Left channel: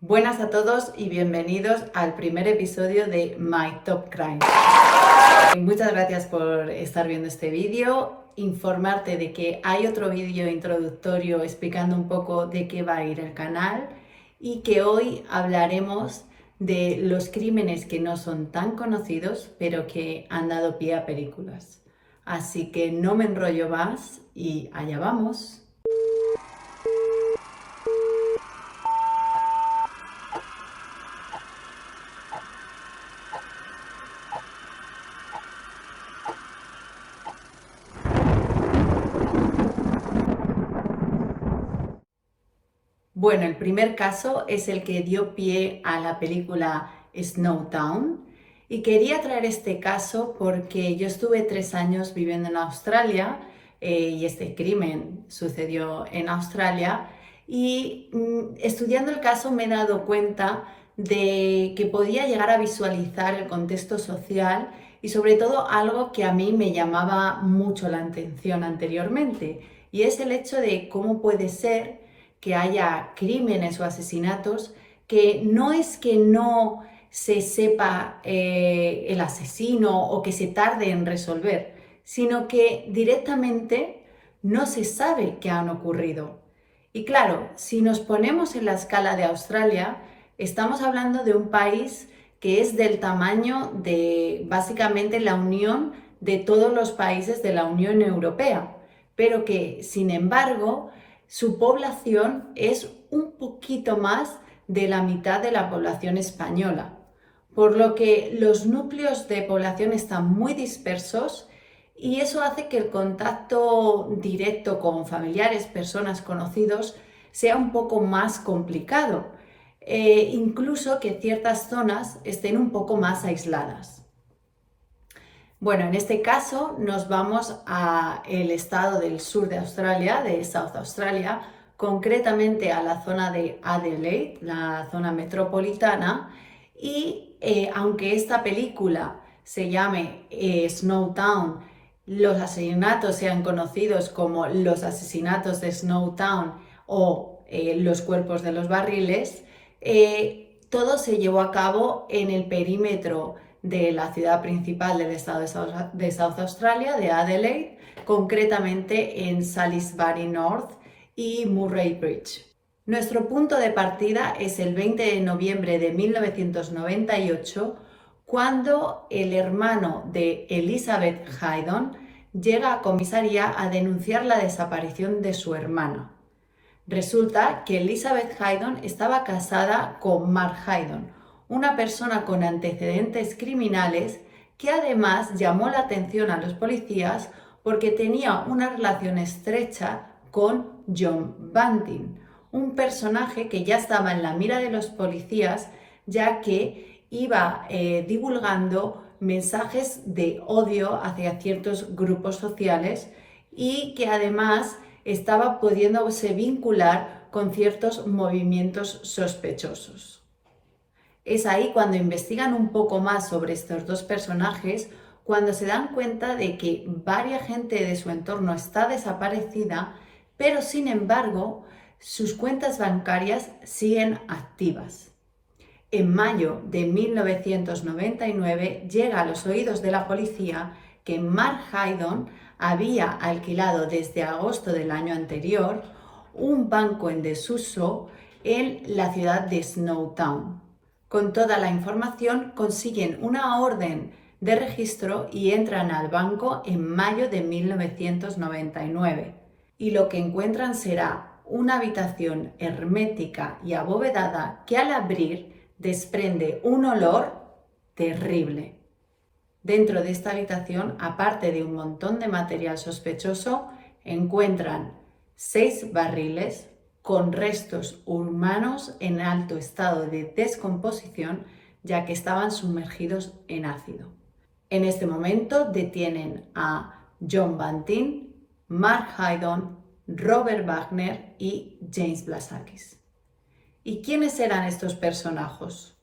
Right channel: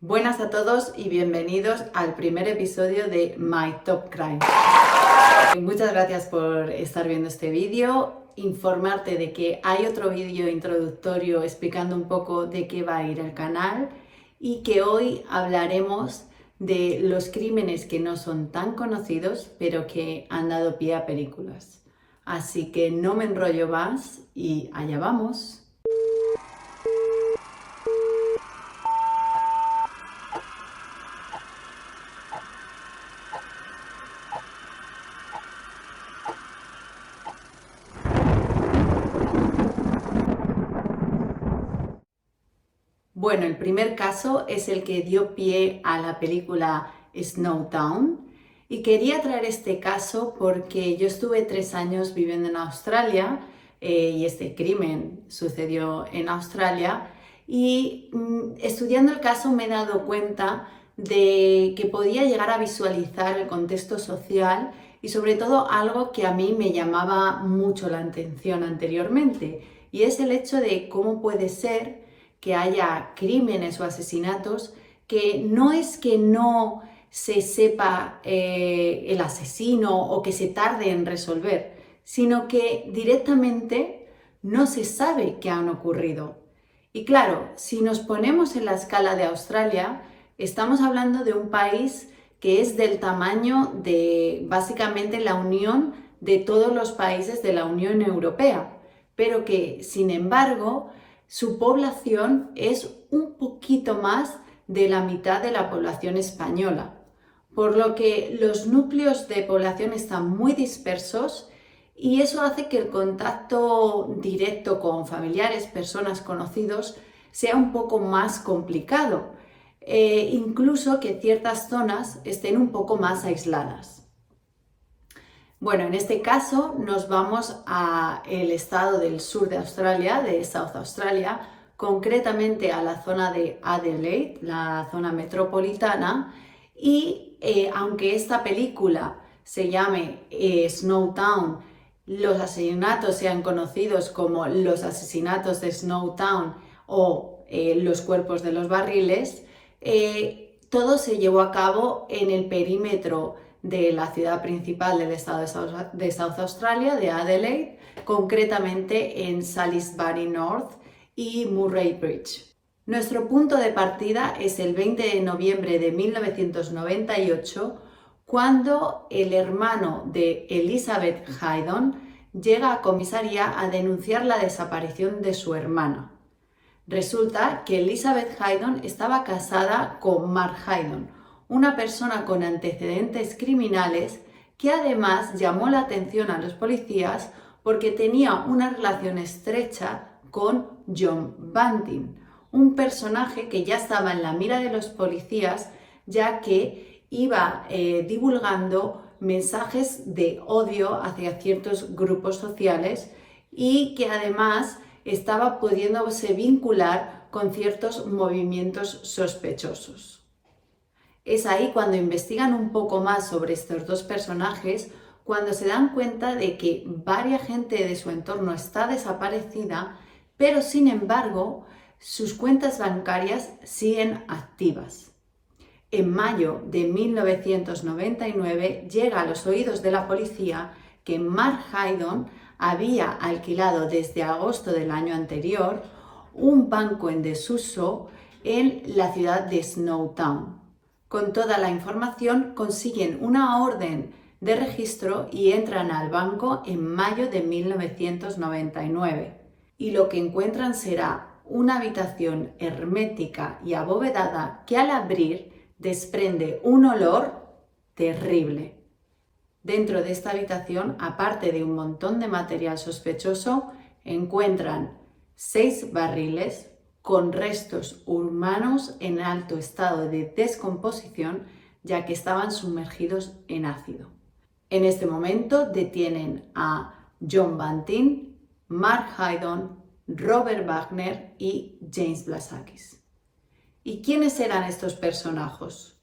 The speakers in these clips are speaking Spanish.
Buenas a todos y bienvenidos al primer episodio de My Top Crime. Muchas gracias por estar viendo este vídeo. Informarte de que hay otro vídeo introductorio explicando un poco de qué va a ir el canal y que hoy hablaremos de los crímenes que no son tan conocidos pero que han dado pie a películas. Así que no me enrollo más y allá vamos. Bueno, el primer caso es el que dio pie a la película Snowtown y quería traer este caso porque yo estuve 3 años viviendo en Australia y este crimen sucedió en Australia y estudiando el caso me he dado cuenta de que podía llegar a visualizar el contexto social y sobre todo algo que a mí me llamaba mucho la atención anteriormente y es el hecho de cómo puede ser que haya crímenes o asesinatos que no es que no se sepa el asesino o que se tarde en resolver, sino que directamente no se sabe que han ocurrido. Y claro, si nos ponemos en la escala de Australia, estamos hablando de un país que es del tamaño de básicamente la unión de todos los países de la Unión Europea, pero que sin embargo su población es un poquito más de la mitad de la población española, por lo que los núcleos de población están muy dispersos y eso hace que el contacto directo con familiares, personas conocidos, sea un poco más complicado, incluso que ciertas zonas estén un poco más aisladas. Bueno, en este caso nos vamos al estado del sur de Australia, de South Australia, concretamente a la zona de Adelaide, la zona metropolitana, y aunque esta película se llame Snowtown, los asesinatos sean conocidos como los asesinatos de Snowtown o los cuerpos de los barriles, todo se llevó a cabo en el perímetro de la ciudad principal del estado de South Australia, de Adelaide, concretamente en Salisbury North y Murray Bridge. Nuestro punto de partida es el 20 de noviembre de 1998, cuando el hermano de Elizabeth Haydon llega a comisaría a denunciar la desaparición de su hermana. Resulta que Elizabeth Haydon estaba casada con Mark Haydon, una persona con antecedentes criminales que además llamó la atención a los policías porque tenía una relación estrecha con John Bunting, un personaje que ya estaba en la mira de los policías ya que iba divulgando mensajes de odio hacia ciertos grupos sociales y que además estaba pudiéndose vincular con ciertos movimientos sospechosos. Es ahí cuando investigan un poco más sobre estos dos personajes, cuando se dan cuenta de que varias gente de su entorno está desaparecida, pero sin embargo sus cuentas bancarias siguen activas. En mayo de 1999 llega a los oídos de la policía que Mark Haydon había alquilado desde agosto del año anterior un banco en desuso en la ciudad de Snowtown. Con toda la información consiguen una orden de registro y entran al banco en mayo de 1999. Y lo que encuentran será una habitación hermética y abovedada que al abrir desprende un olor terrible. Dentro de esta habitación, aparte de un montón de material sospechoso, encuentran 6 barriles con restos humanos en alto estado de descomposición, ya que estaban sumergidos en ácido. En este momento detienen a John Bunting, Mark Haydon, Robert Wagner y James Blasakis. ¿Y quiénes eran estos personajes?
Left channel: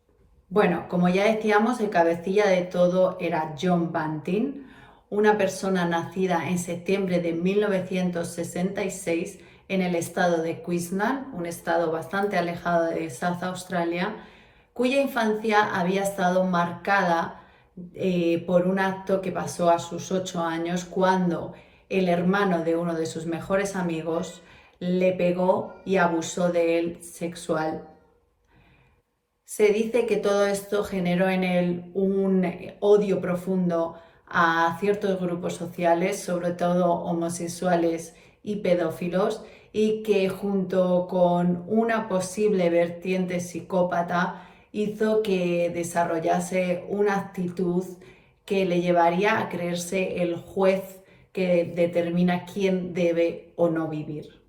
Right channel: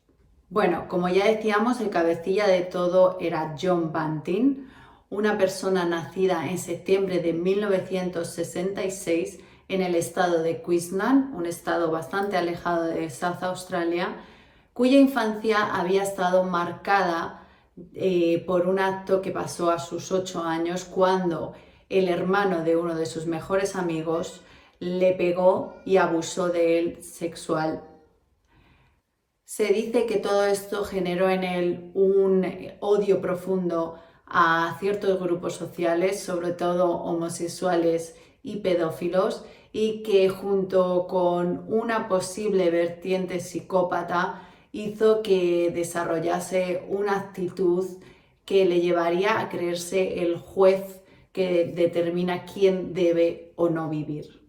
Bueno, como ya decíamos, el cabecilla de todo era John Bunting, una persona nacida en septiembre de 1966 en el estado de Queensland, un estado bastante alejado de South Australia, cuya infancia había estado marcada por un acto que pasó a sus 8 años cuando el hermano de uno de sus mejores amigos le pegó y abusó de él sexual. Se dice que todo esto generó en él un odio profundo a ciertos grupos sociales, sobre todo homosexuales y pedófilos, y que junto con una posible vertiente psicópata hizo que desarrollase una actitud que le llevaría a creerse el juez que determina quién debe o no vivir.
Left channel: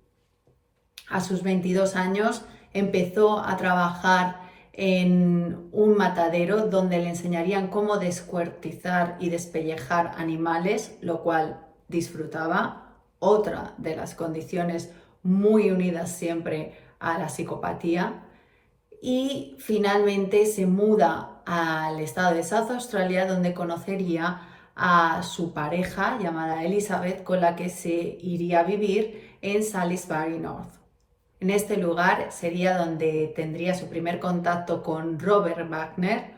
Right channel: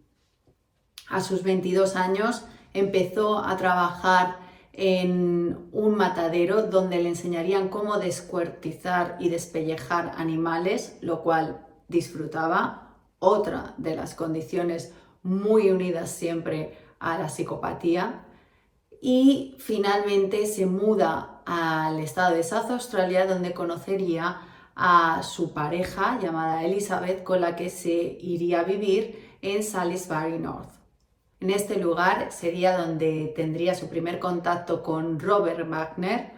A sus 22 años empezó a trabajar en un matadero donde le enseñarían cómo descuartizar y despellejar animales, lo cual disfrutaba. Otra de las condiciones muy unidas siempre a la psicopatía. Y finalmente se muda al estado de South Australia, donde conocería a su pareja llamada Elizabeth, con la que se iría a vivir en Salisbury North. En este lugar sería donde tendría su primer contacto con Robert Wagner,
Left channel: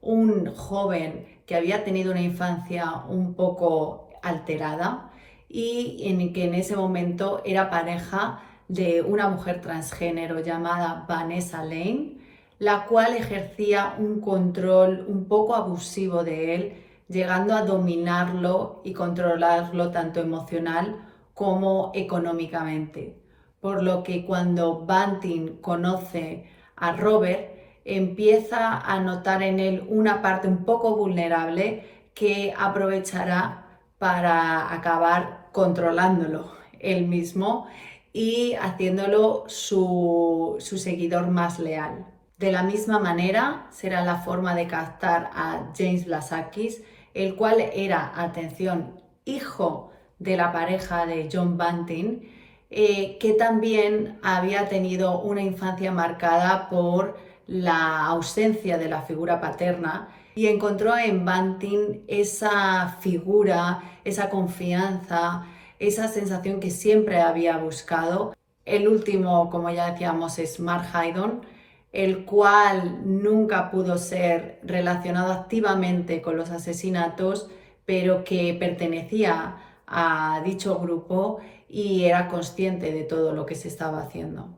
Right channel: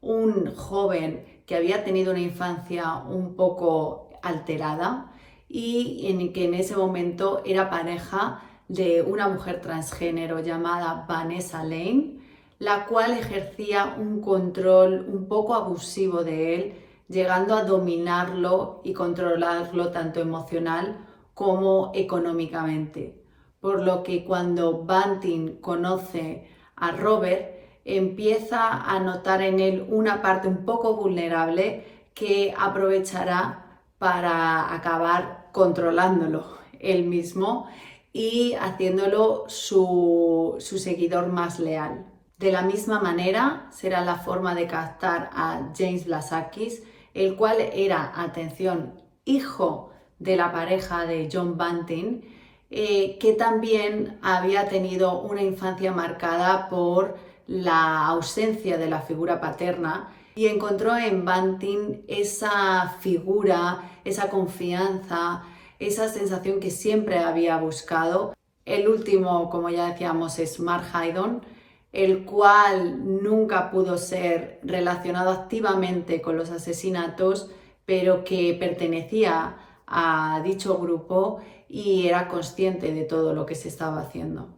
un joven que había tenido una infancia un poco alterada y en que en ese momento era pareja de una mujer transgénero llamada Vanessa Lane, la cual ejercía un control un poco abusivo de él, llegando a dominarlo y controlarlo tanto emocional como económicamente. Por lo que cuando Bunting conoce a Robert, empieza a notar en él una parte un poco vulnerable que aprovechará para acabar controlándolo él mismo y haciéndolo su seguidor más leal. De la misma manera será la forma de captar a James Blasakis, el cual era, atención, hijo de la pareja de John Bunting, que también había tenido una infancia marcada por la ausencia de la figura paterna y encontró en Bunting esa figura, esa confianza, esa sensación que siempre había buscado. El último, como ya decíamos, es Mark Haydon, el cual nunca pudo ser relacionado activamente con los asesinatos, pero que pertenecía a dicho grupo y era consciente de todo lo que se estaba haciendo.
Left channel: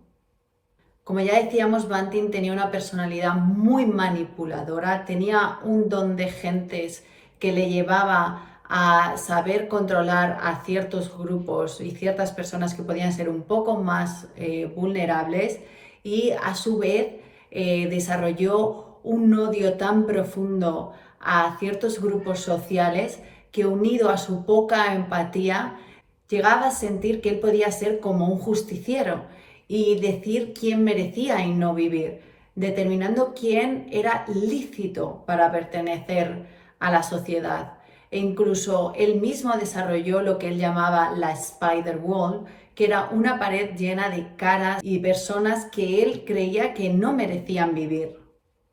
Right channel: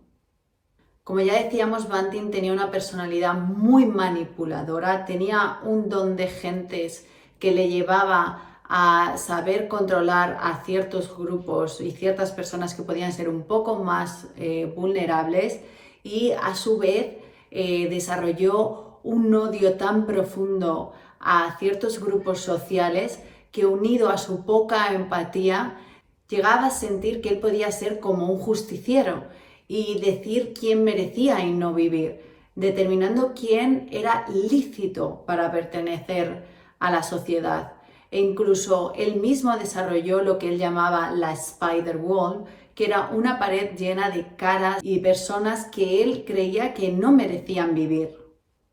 Como ya decíamos, Bunting tenía una personalidad muy manipuladora, tenía un don de gentes que le llevaba a saber controlar a ciertos grupos y ciertas personas que podían ser un poco más vulnerables y a su vez desarrolló un odio tan profundo a ciertos grupos sociales que unido a su poca empatía llegaba a sentir que él podía ser como un justiciero y decir quién merecía y no vivir, determinando quién era lícito para pertenecer a la sociedad. E incluso él mismo desarrolló lo que él llamaba la Spider Wall, que era una pared llena de caras y personas que él creía que no merecían vivir.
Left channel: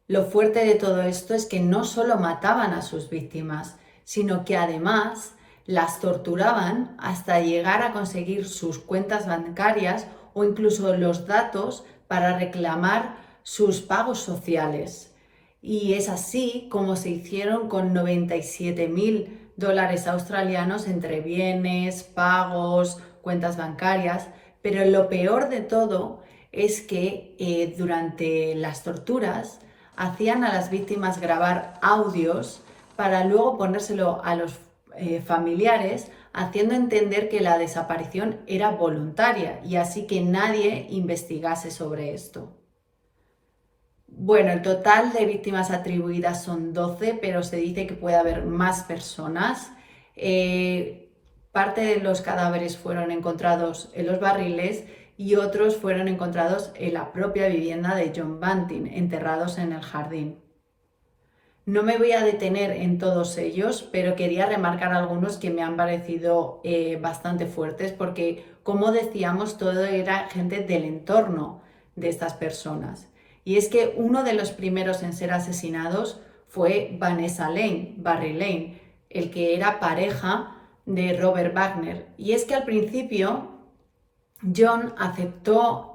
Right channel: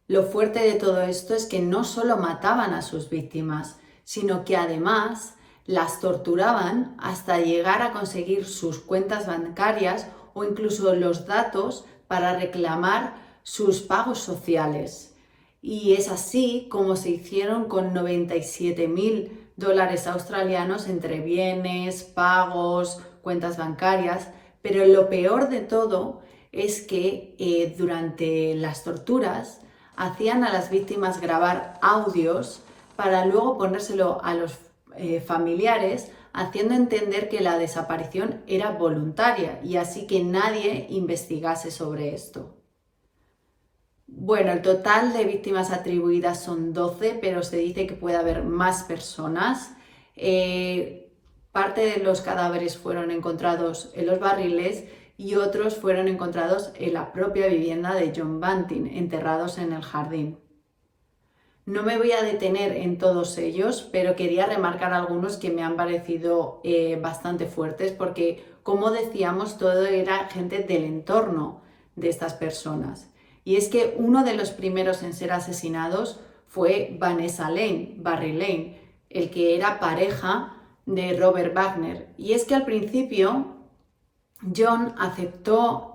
Lo fuerte de todo esto es que no solo mataban a sus víctimas, sino que además las torturaban hasta llegar a conseguir sus cuentas bancarias o incluso los datos para reclamar sus pagos sociales. Y es así como se hicieron con 97.000 dólares australianos entre bienes, pagos, cuentas bancarias. Pero lo peor de todo es que durante las torturas hacían a las víctimas grabar audios para luego ponérselo a los familiares, haciendo entender que la desaparición era voluntaria y así que nadie investigase sobre esto. Bueno, el total de víctimas atribuidas son 12, pero se dice que puede haber más personas. Parte de los cadáveres fueron encontrados en los barriles y otros fueron encontrados en la propia vivienda de John Bunting, enterrados en el jardín. No me voy a detener en todos ellos, pero quería remarcar algunos que me han parecido bastante fuertes porque, como decíamos, todo era gente del entorno de estas personas. Y es que uno de los primeros en ser asesinados fue Vanessa Lane, Barry Lane, el que era pareja de Robert Wagner. Y es que al principio John aceptó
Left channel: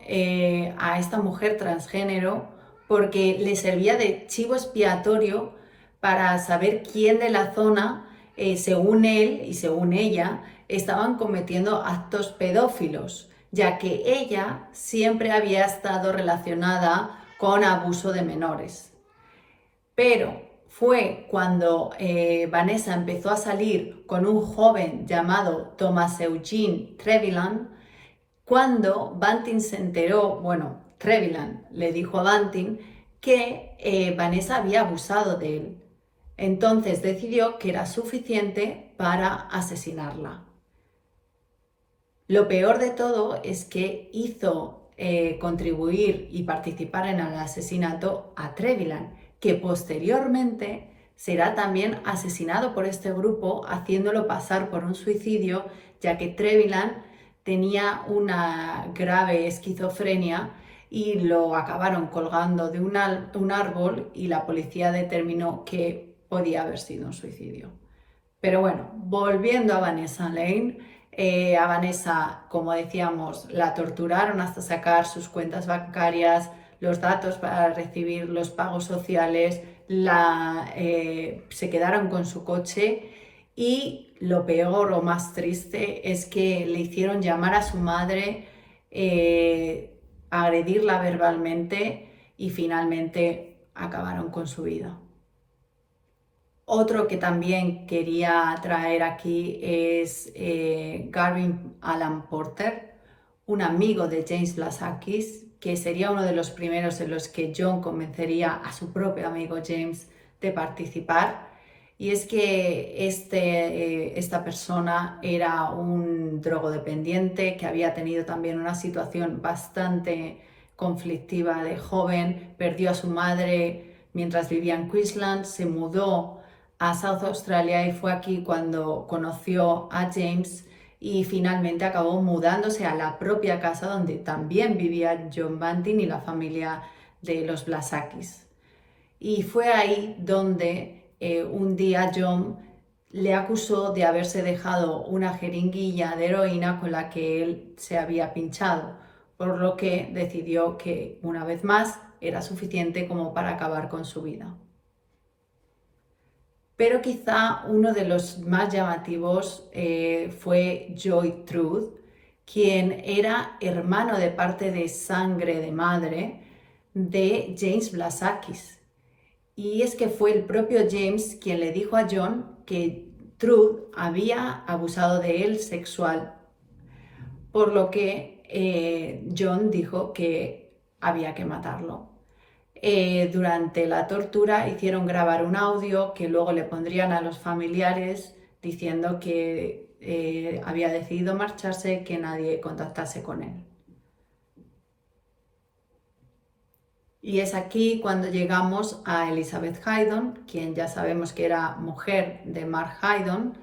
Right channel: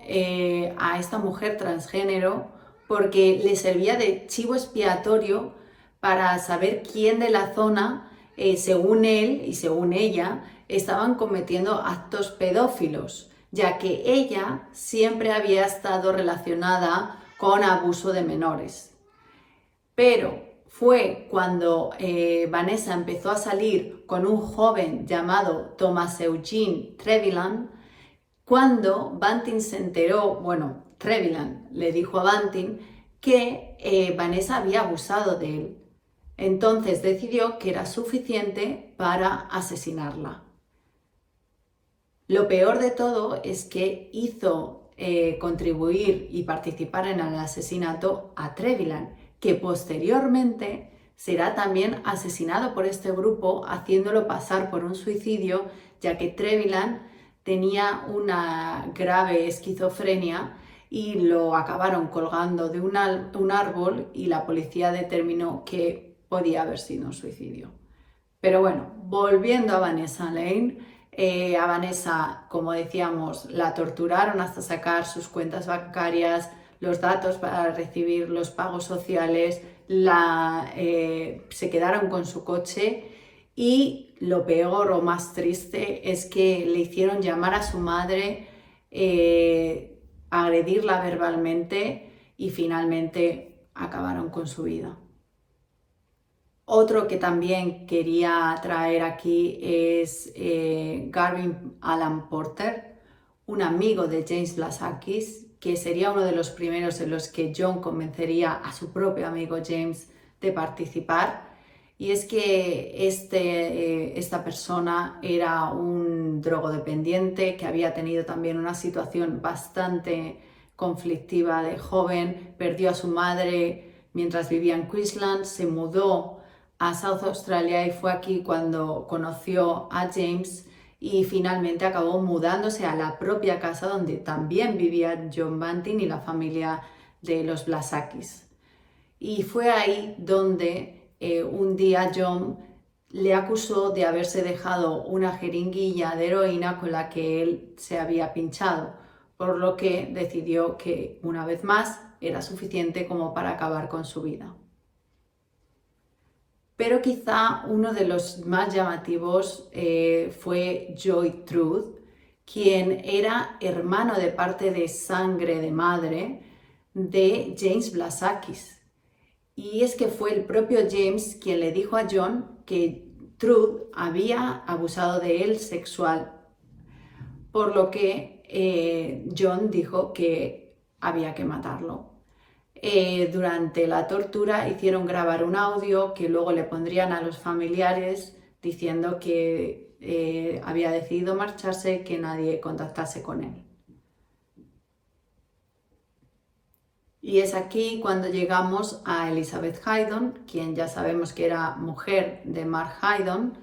a esta mujer transgénero porque le servía de chivo expiatorio para saber quién de la zona, según él y según ella, estaban cometiendo actos pedófilos, ya que ella siempre había estado relacionada con abuso de menores. Pero fue cuando Vanessa empezó a salir con un joven llamado Thomas Eugene Trevilan, cuando Banting se enteró, bueno, Trevilan le dijo a Banting que Vanessa había abusado de él. Entonces decidió que era suficiente para asesinarla. Lo peor de todo es que hizo contribuir y participar en el asesinato a Trevilan, que posteriormente será también asesinado por este grupo, haciéndolo pasar por un suicidio, ya que Trevilan tenía una grave esquizofrenia y lo acabaron colgando de un árbol y la policía determinó que podía haber sido un suicidio. Pero bueno, volviendo a Vanessa Lane, a Vanessa, como decíamos, la torturaron hasta sacar sus cuentas bancarias, los datos para recibir los pagos sociales, se quedaron con su coche y lo peor o más triste es que le hicieron llamar a su madre, agredirla verbalmente y finalmente acabaron con su vida. Otro que también quería traer aquí es Garvin Alan Porter, un amigo de James Blasakis, que sería uno de los primeros en los que John convencería a su propio amigo James de participar. Y es que esta persona era un drogodependiente que había tenido también una situación bastante conflictiva de joven, perdió a su madre mientras vivía en Queensland, se mudó a South Australia y fue aquí cuando conoció a James y finalmente acabó mudándose a la propia casa donde también vivía John Banting y la familia de los Blasakis. Y fue ahí donde un día John le acusó de haberse dejado una jeringuilla de heroína con la que él se había pinchado, por lo que decidió que una vez más era suficiente como para acabar con su vida. Pero quizá uno de los más llamativos fue Joy Truth, quien era hermano de parte de sangre de madre de James Blasakis. Y es que fue el propio James quien le dijo a John que Truth había abusado de él sexual, por lo que John dijo que había que matarlo. Durante la tortura hicieron grabar un audio que luego le pondrían a los familiares diciendo que había decidido marcharse, que nadie contactase con él. Y es aquí cuando llegamos a Elizabeth Haydon, quien ya sabemos que era mujer de Mark Haydon,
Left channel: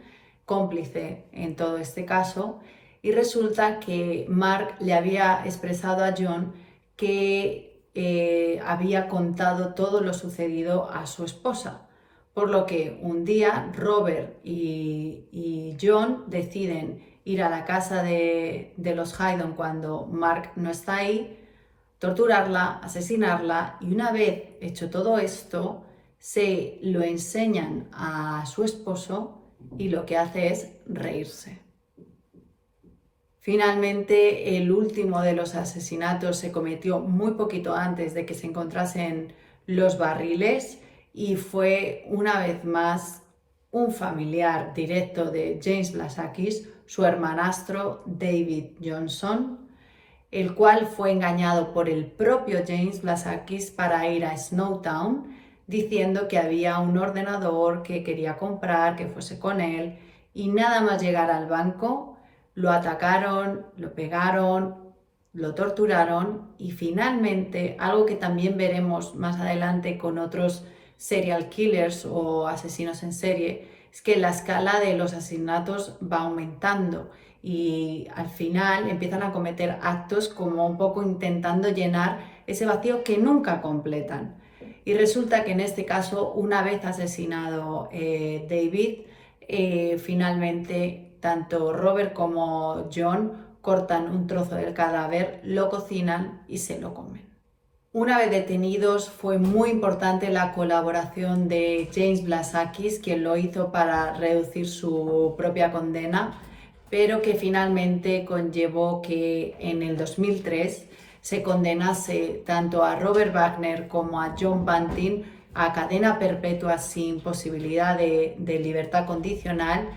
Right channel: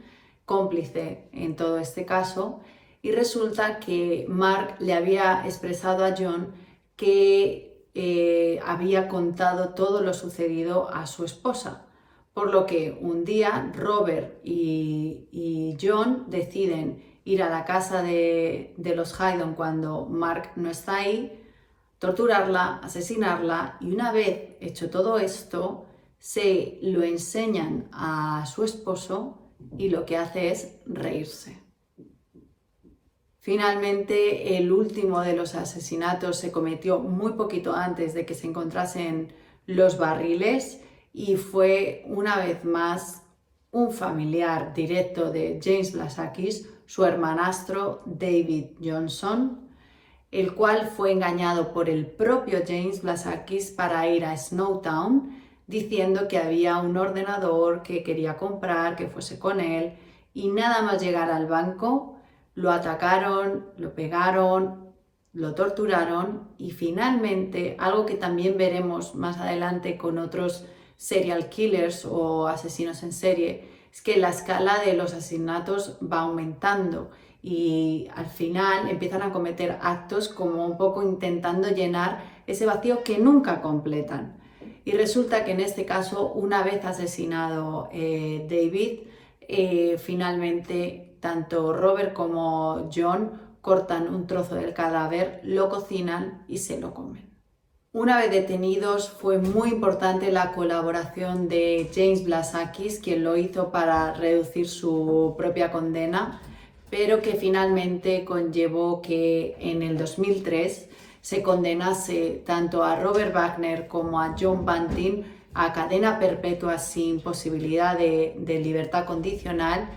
cómplice en todo este caso, y resulta que Mark le había expresado a John que había contado todo lo sucedido a su esposa, por lo que un día Robert y John deciden ir a la casa de los Haydon cuando Mark no está ahí, torturarla, asesinarla y una vez hecho todo esto, se lo enseñan a su esposo y lo que hace es reírse. Finalmente, el último de los asesinatos se cometió muy poquito antes de que se encontrasen los barriles y fue una vez más un familiar directo de James Blasakis, su hermanastro David Johnson, el cual fue engañado por el propio James Blasakis para ir a Snowtown, diciendo que había un ordenador que quería comprar, que fuese con él, y nada más llegar al banco, lo atacaron, lo pegaron, lo torturaron y finalmente, algo que también veremos más adelante con otros serial killers o asesinos en serie, es que la escala de los asesinatos va aumentando y al final empiezan a cometer actos como un poco intentando llenar ese vacío que nunca completan. Y resulta que en este caso, una vez asesinado David, finalmente tanto Robert como John cortan un trozo del cadáver, lo cocinan y se lo comen. Una vez detenidos, fue muy importante la colaboración de James Blasakis, quien lo hizo para reducir su propia condena, pero que finalmente conllevó que en el 2003 se condenase tanto a Robert Wagner como a John Bunting a cadena perpetua sin posibilidad de libertad condicional,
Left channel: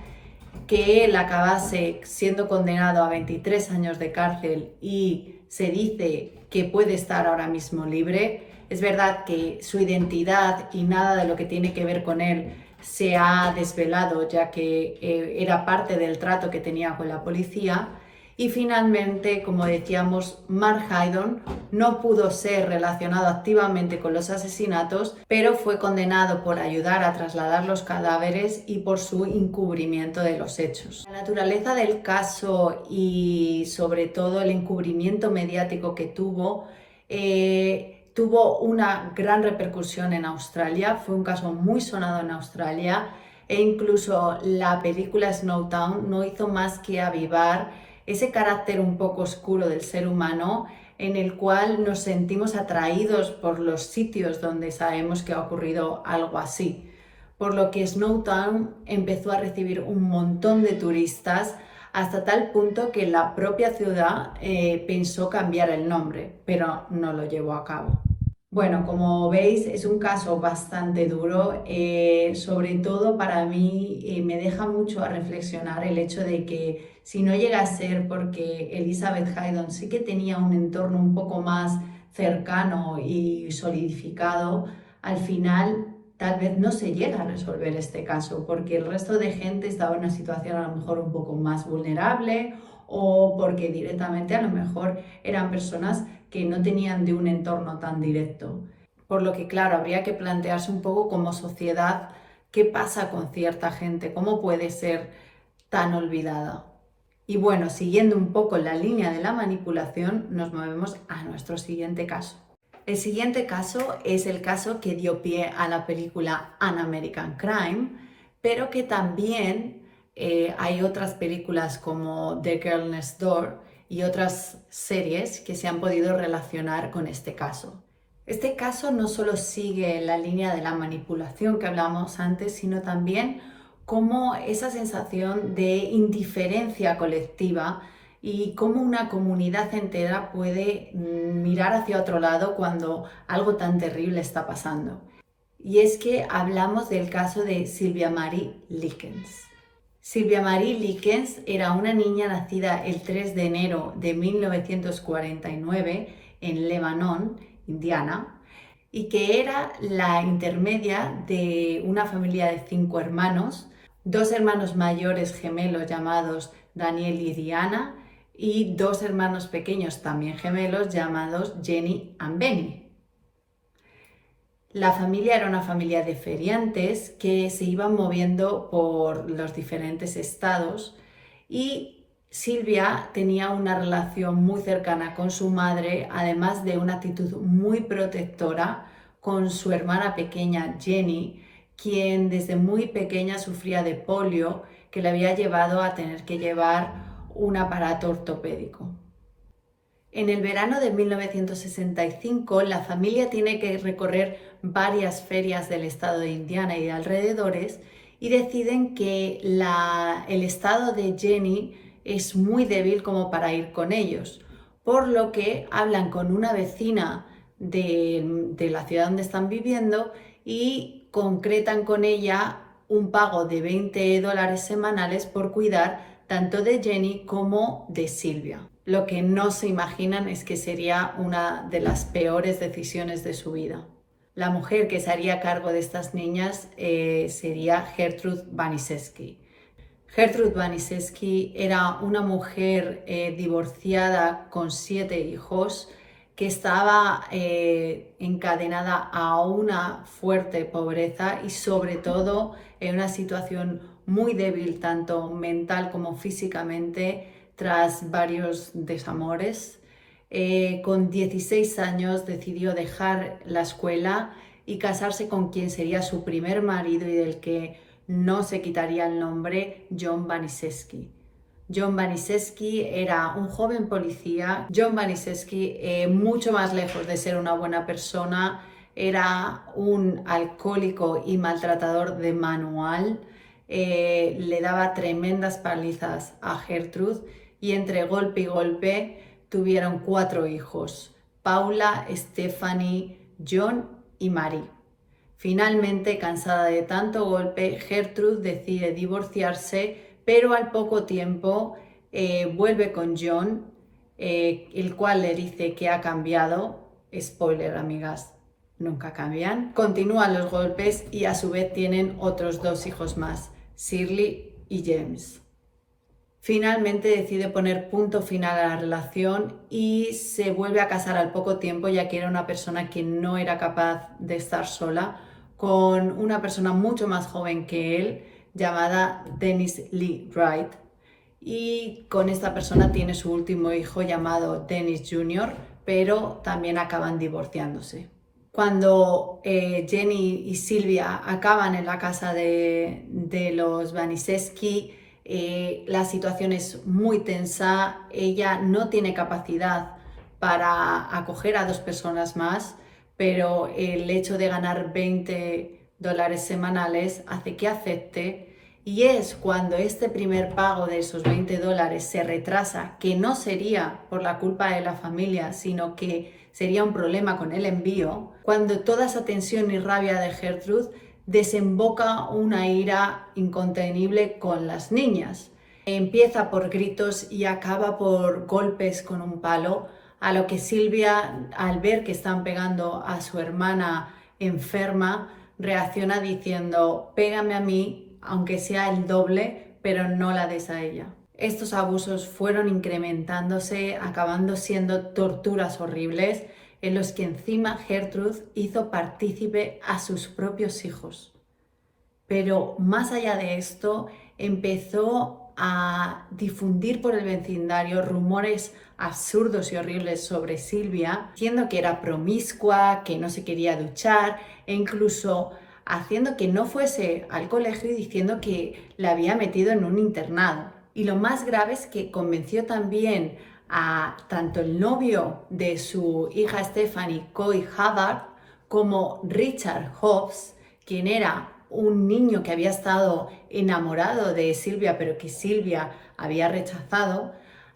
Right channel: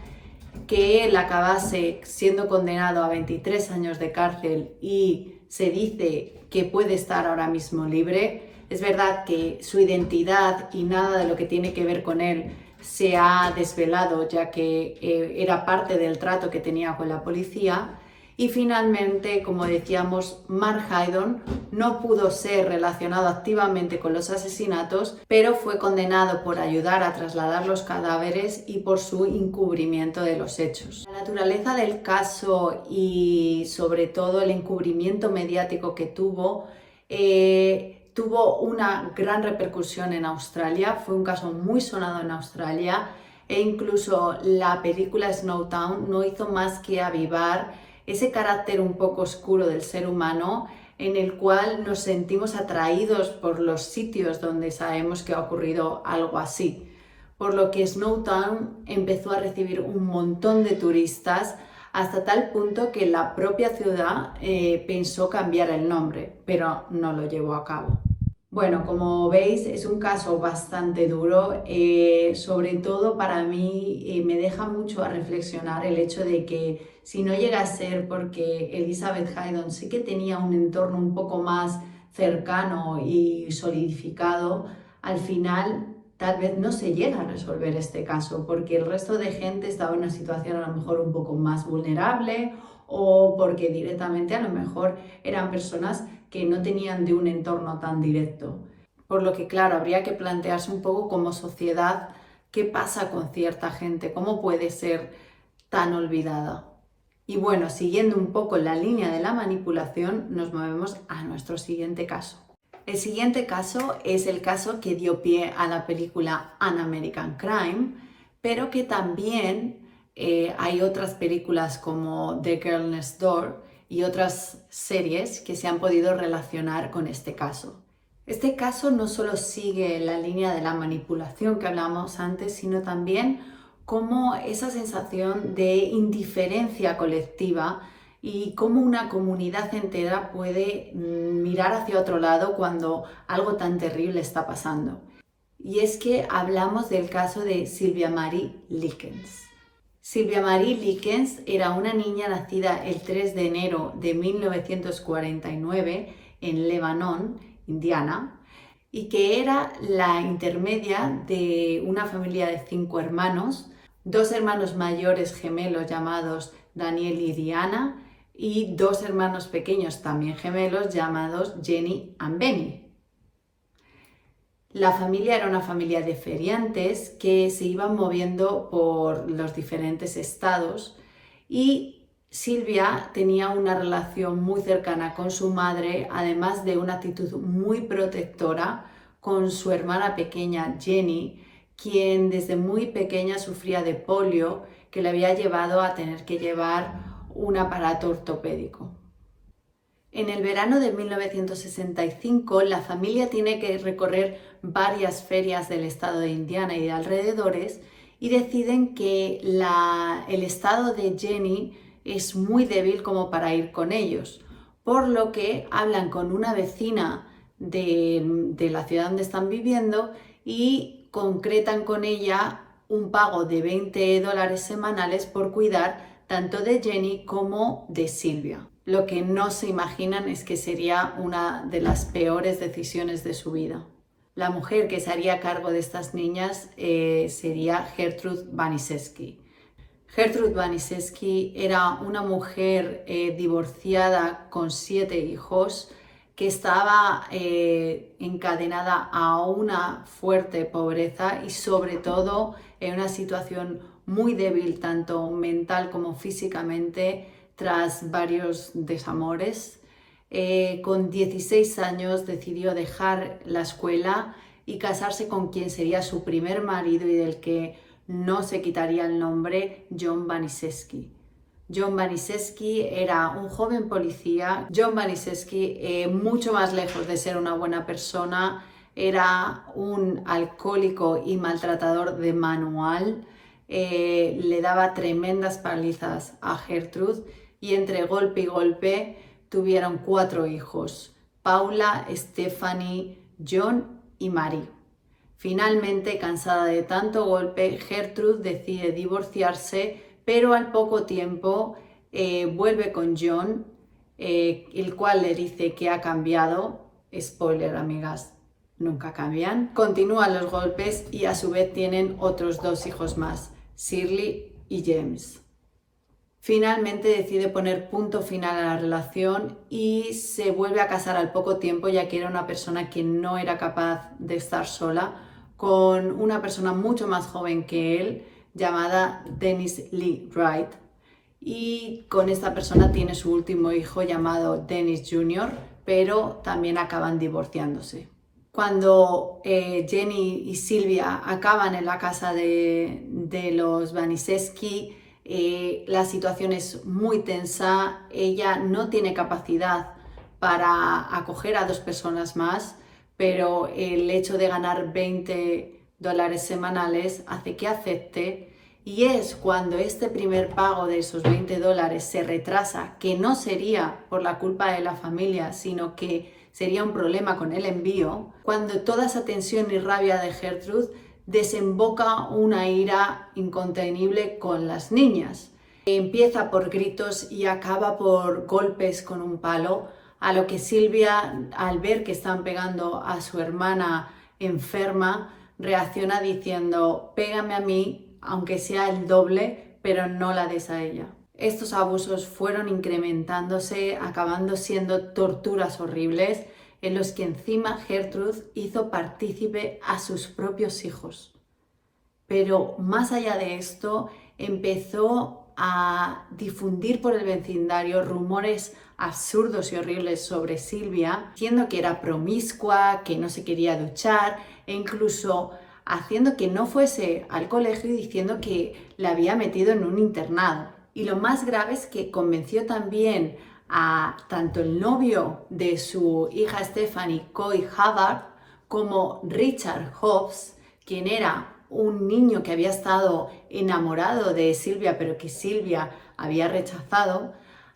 que él acabase siendo condenado a 23 años de cárcel y se dice que puede estar ahora mismo libre. Es verdad que su identidad y nada de lo que tiene que ver con él se ha desvelado, ya que era parte del trato que tenía con la policía. Y finalmente, como decíamos, Mark Haydon no pudo ser relacionado activamente con los asesinatos, pero fue condenado por ayudar a trasladar los cadáveres y por su encubrimiento de los hechos. La naturaleza del caso y sobre todo el encubrimiento mediático que tuvo una gran repercusión en Australia. Fue un caso muy sonado en Australia e incluso la película Snowtown no hizo más que avivar ese carácter un poco oscuro del ser humano, en el cual nos sentimos atraídos por los sitios donde sabemos que ha ocurrido algo así. Por lo que Snowtown empezó a recibir un montón de turistas, hasta tal punto que la propia ciudad pensó cambiar el nombre, pero no lo llevó a cabo. Bueno, como veis, es un caso bastante duro, sobre todo para mí me deja mucho a reflexionar el hecho de que si no llega a ser porque Elizabeth Haydon sí que tenía un entorno un poco más cercano y solidificado, al final tal vez no se llega a resolver este caso porque el resto de gente estaba en una situación a lo mejor un poco más vulnerable o porque directamente a lo mejor eran personas que no tenían de un entorno tan directo. Por lo que, claro, habría que plantearse un poco como sociedad qué pasa con cierta gente, cómo puede ser tan olvidada. Y bueno, siguiendo un poco la línea de la manipulación, nos movemos a nuestro siguiente caso. El siguiente caso es el caso que dio pie a la película An American Crime, pero que también hay otras películas como The Girl Next Door y otras series que se han podido relacionar con este caso. Este caso no solo sigue la línea de la manipulación que hablábamos antes, sino también cómo esa sensación de indiferencia colectiva y cómo una comunidad entera puede mirar hacia otro lado cuando algo tan terrible está pasando. Y es que hablamos del caso de Sylvia Marie Likens. Sylvia Marie Likens era una niña nacida el 3 de enero de 1949 en Lebanon, Indiana, y que era la intermedia de una familia de 5 hermanos, 2 hermanos mayores gemelos llamados Daniel y Diana, y 2 hermanos pequeños también gemelos llamados Jenny y Benny. La familia era una familia de feriantes que se iban moviendo por los diferentes estados y Silvia tenía una relación muy cercana con su madre, además de una actitud muy protectora con su hermana pequeña Jenny, quien desde muy pequeña sufría de polio que le había llevado a tener que llevar un aparato ortopédico. En el verano de 1965, la familia tiene que recorrer varias ferias del estado de Indiana y de alrededores y deciden que el estado de Jenny es muy débil como para ir con ellos, por lo que hablan con una vecina de la ciudad donde están viviendo y concretan con ella un pago de $20 semanales por cuidar tanto de Jenny como de Silvia. Lo que no se imaginan es que sería una de las peores decisiones de su vida. La mujer que se haría cargo de estas niñas sería Gertrude Baniszewski. Gertrude Baniszewski era una mujer divorciada con 7 hijos que estaba encadenada a una fuerte pobreza y sobre todo en una situación muy débil tanto mental como físicamente tras varios desamores. Con 16 años decidió dejar la escuela y casarse con quien sería su primer marido y del que no se quitaría el nombre, John Baniszewski. John Baniszewski era un joven policía. John Baniszewski, mucho más lejos de ser una buena persona, era un alcohólico y maltratador de manual. Le daba tremendas palizas a Gertrude y entre golpe y golpe tuvieron 4 hijos: Paula, Stephanie, John y Mary. Finalmente, cansada de tanto golpe, Gertrude decide divorciarse, pero al poco tiempo vuelve con John, el cual le dice que ha cambiado. Spoiler, amigas, nunca cambian. Continúan los golpes y a su vez tienen otros 2 hijos más, Shirley y James. Finalmente decide poner punto final a la relación y se vuelve a casar al poco tiempo, ya que era una persona que no era capaz de estar sola, con una persona mucho más joven que él, llamada Dennis Lee Wright. Y con esta persona tiene su último hijo, llamado Dennis Jr., pero también acaban divorciándose. Cuando Jenny y Silvia acaban en la casa de los Baniszewski, la situación es muy tensa. Ella no tiene capacidad para acoger a 2 personas más, pero el hecho de ganar $20 semanales hace que acepte, y es cuando este primer pago de esos $20 se retrasa, que no sería por la culpa de la familia, sino que sería un problema con el envío, cuando toda esa tensión y rabia de Gertrude desemboca una ira incontenible con las niñas. Empieza por gritos y acaba por golpes con un palo, a lo que Silvia, al ver que están pegando a su hermana enferma, reacciona diciendo: pégame a mí, aunque sea el doble, pero no la des a ella. Estos abusos fueron incrementándose, acabando siendo torturas horribles, en los que encima Gertrude hizo partícipe a sus propios hijos. Pero más allá de esto, empezó a difundir por el vecindario rumores absurdos y horribles sobre Silvia, diciendo que era promiscua, que no se quería duchar, e incluso haciendo que no fuese al colegio y diciendo que la había metido en un internado. Y lo más grave es que convenció también a tanto el novio de su hija Stephanie, Coy Hubbard, como Richard Hobbs, quien era un niño que había estado enamorado de Silvia, pero que Silvia había rechazado,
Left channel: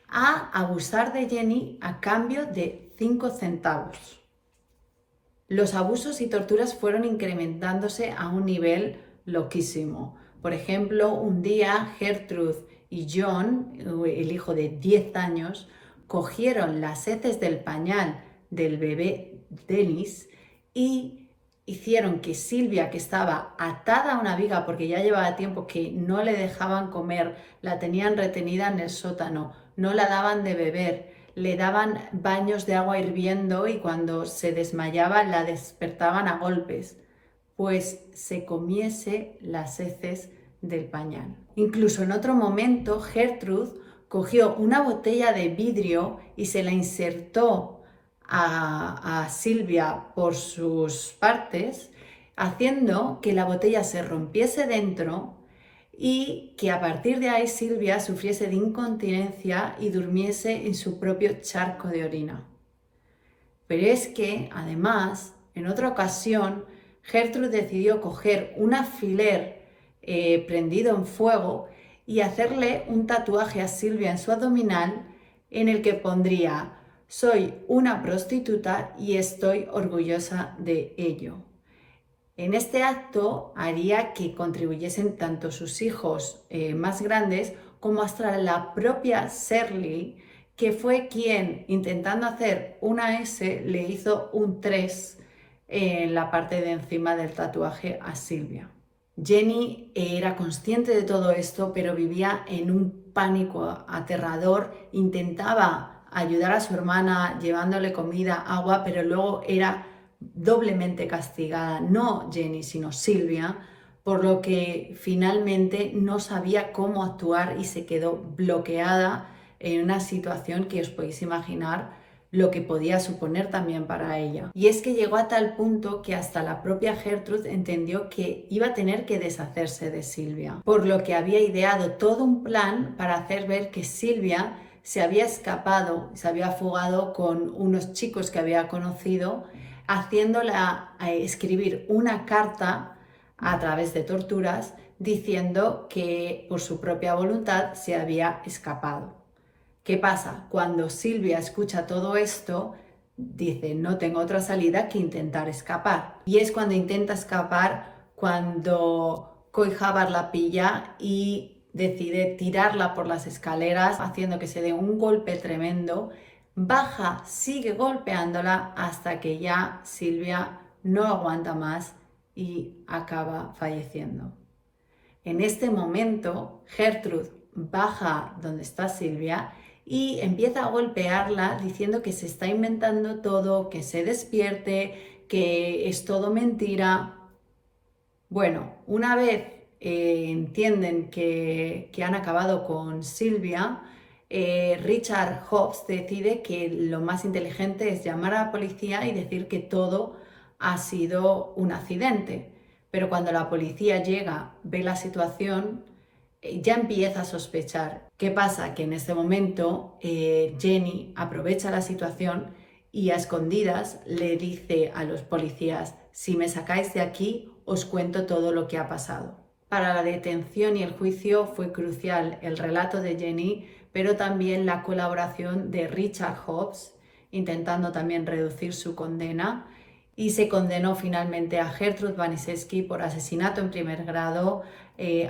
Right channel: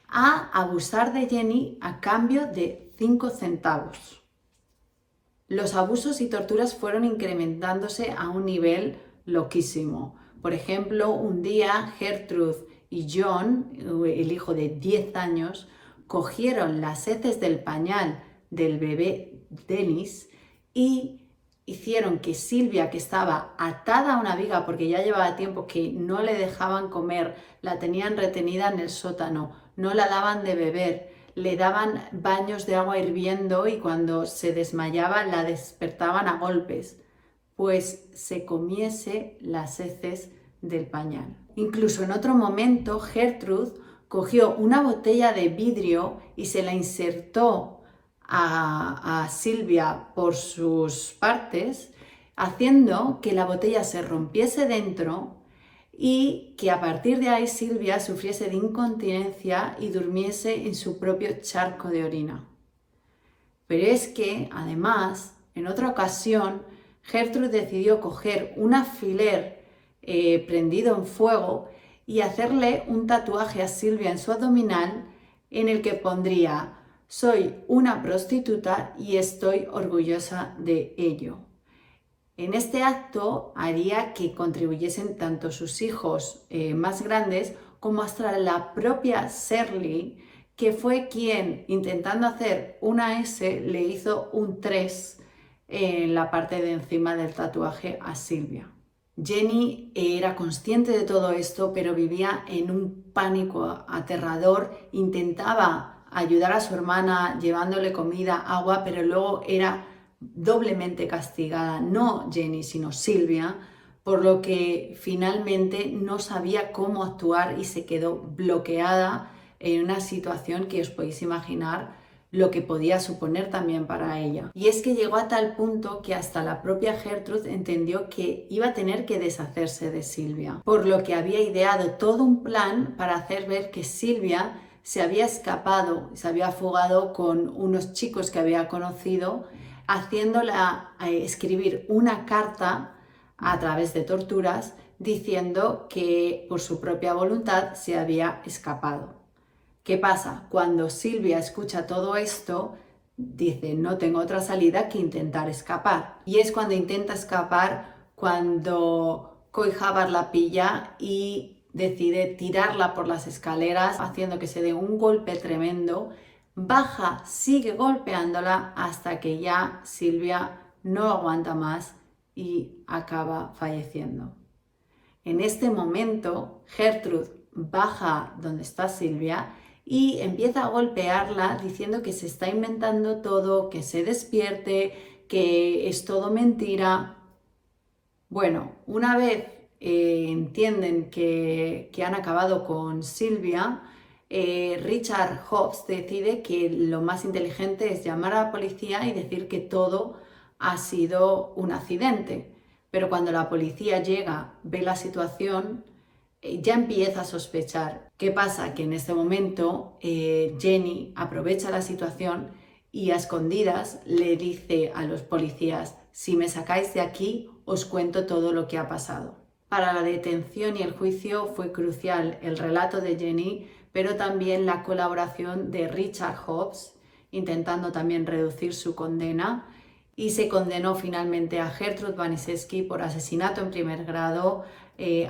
a abusar de Jenny a cambio de 5 centavos. Los abusos y torturas fueron incrementándose a un nivel loquísimo. Por ejemplo, un día Gertrude y John, el hijo de 10 años, cogieron las heces del pañal del bebé Dennis y hicieron que Silvia, que estaba atada a una viga porque ya llevaba tiempo que no le dejaban comer, la tenían retenida en el sótano, no la daban de beber, le daban baños de agua hirviendo y cuando se desmayaba la despertaban a golpes, pues se comiese las heces del pañal. Incluso en otro momento Gertrude cogió una botella de vidrio y se la insertó a Silvia por sus partes, haciendo que la botella se rompiese dentro y que a partir de ahí Silvia sufriese de incontinencia y durmiese en su propio charco de orina. Pero es que, además, en otra ocasión, Gertrude decidió coger un alfiler prendido en fuego y hacerle un tatuaje a Silvia en su abdominal en el que pondría: soy una prostituta y estoy orgullosa de ello. En este acto haría que contribuyesen tanto sus hijos más grandes como hasta la propia Shirley, que fue quien, intentando hacer una S, le hizo un 3 en la parte de encima del tatuaje a Silvia. Jenny era consciente de todo esto, pero vivía en un pánico aterrador. Intentaba ayudar a su hermana llevándole comida, agua, pero luego era doblemente castigada, no Jenny, sino Silvia, por lo que finalmente no sabía cómo actuar y se quedó bloqueada en una situación que os podéis imaginar lo que podía suponer también para ella. Y es que llegó a tal punto que hasta la propia Gertrude entendió que iba a tener que deshacerse de Silvia, por lo que había ideado todo un plan para hacer ver que Silvia se había escapado, se había fugado con unos chicos que había conocido, haciéndola escribir una carta a través de torturas diciendo que por su propia voluntad se había escapado. ¿Qué pasa? Cuando Silvia escucha todo esto, dice, no tengo otra salida que intentar escapar. Y es cuando intenta escapar cuando Coy Jabbar la pilla y decide tirarla por las escaleras, haciendo que se dé un golpe tremendo. Baja, sigue golpeándola hasta que ya Silvia no aguanta más y acaba falleciendo. En este momento, Gertrude baja donde está Silvia y empieza a golpearla diciendo que se está inventando todo, que se despierte, que es todo mentira. Bueno, una vez entienden que han acabado con Silvia, Richard Hobbs decide que lo más inteligente es llamar a la policía y decir que todo ha sido un accidente. Pero cuando la policía llega, ve la situación, ya empieza a sospechar. ¿Qué pasa? Que en este momento Jenny aprovecha la situación y a escondidas le dice a los policías, si me sacáis de aquí, os cuento todo lo que ha pasado. Para la detención y el juicio fue crucial el relato de Jenny, pero también la colaboración de Richard Hobbs, intentando también reducir su condena, y se condenó finalmente a Gertrude Waniszewski por asesinato en primer grado,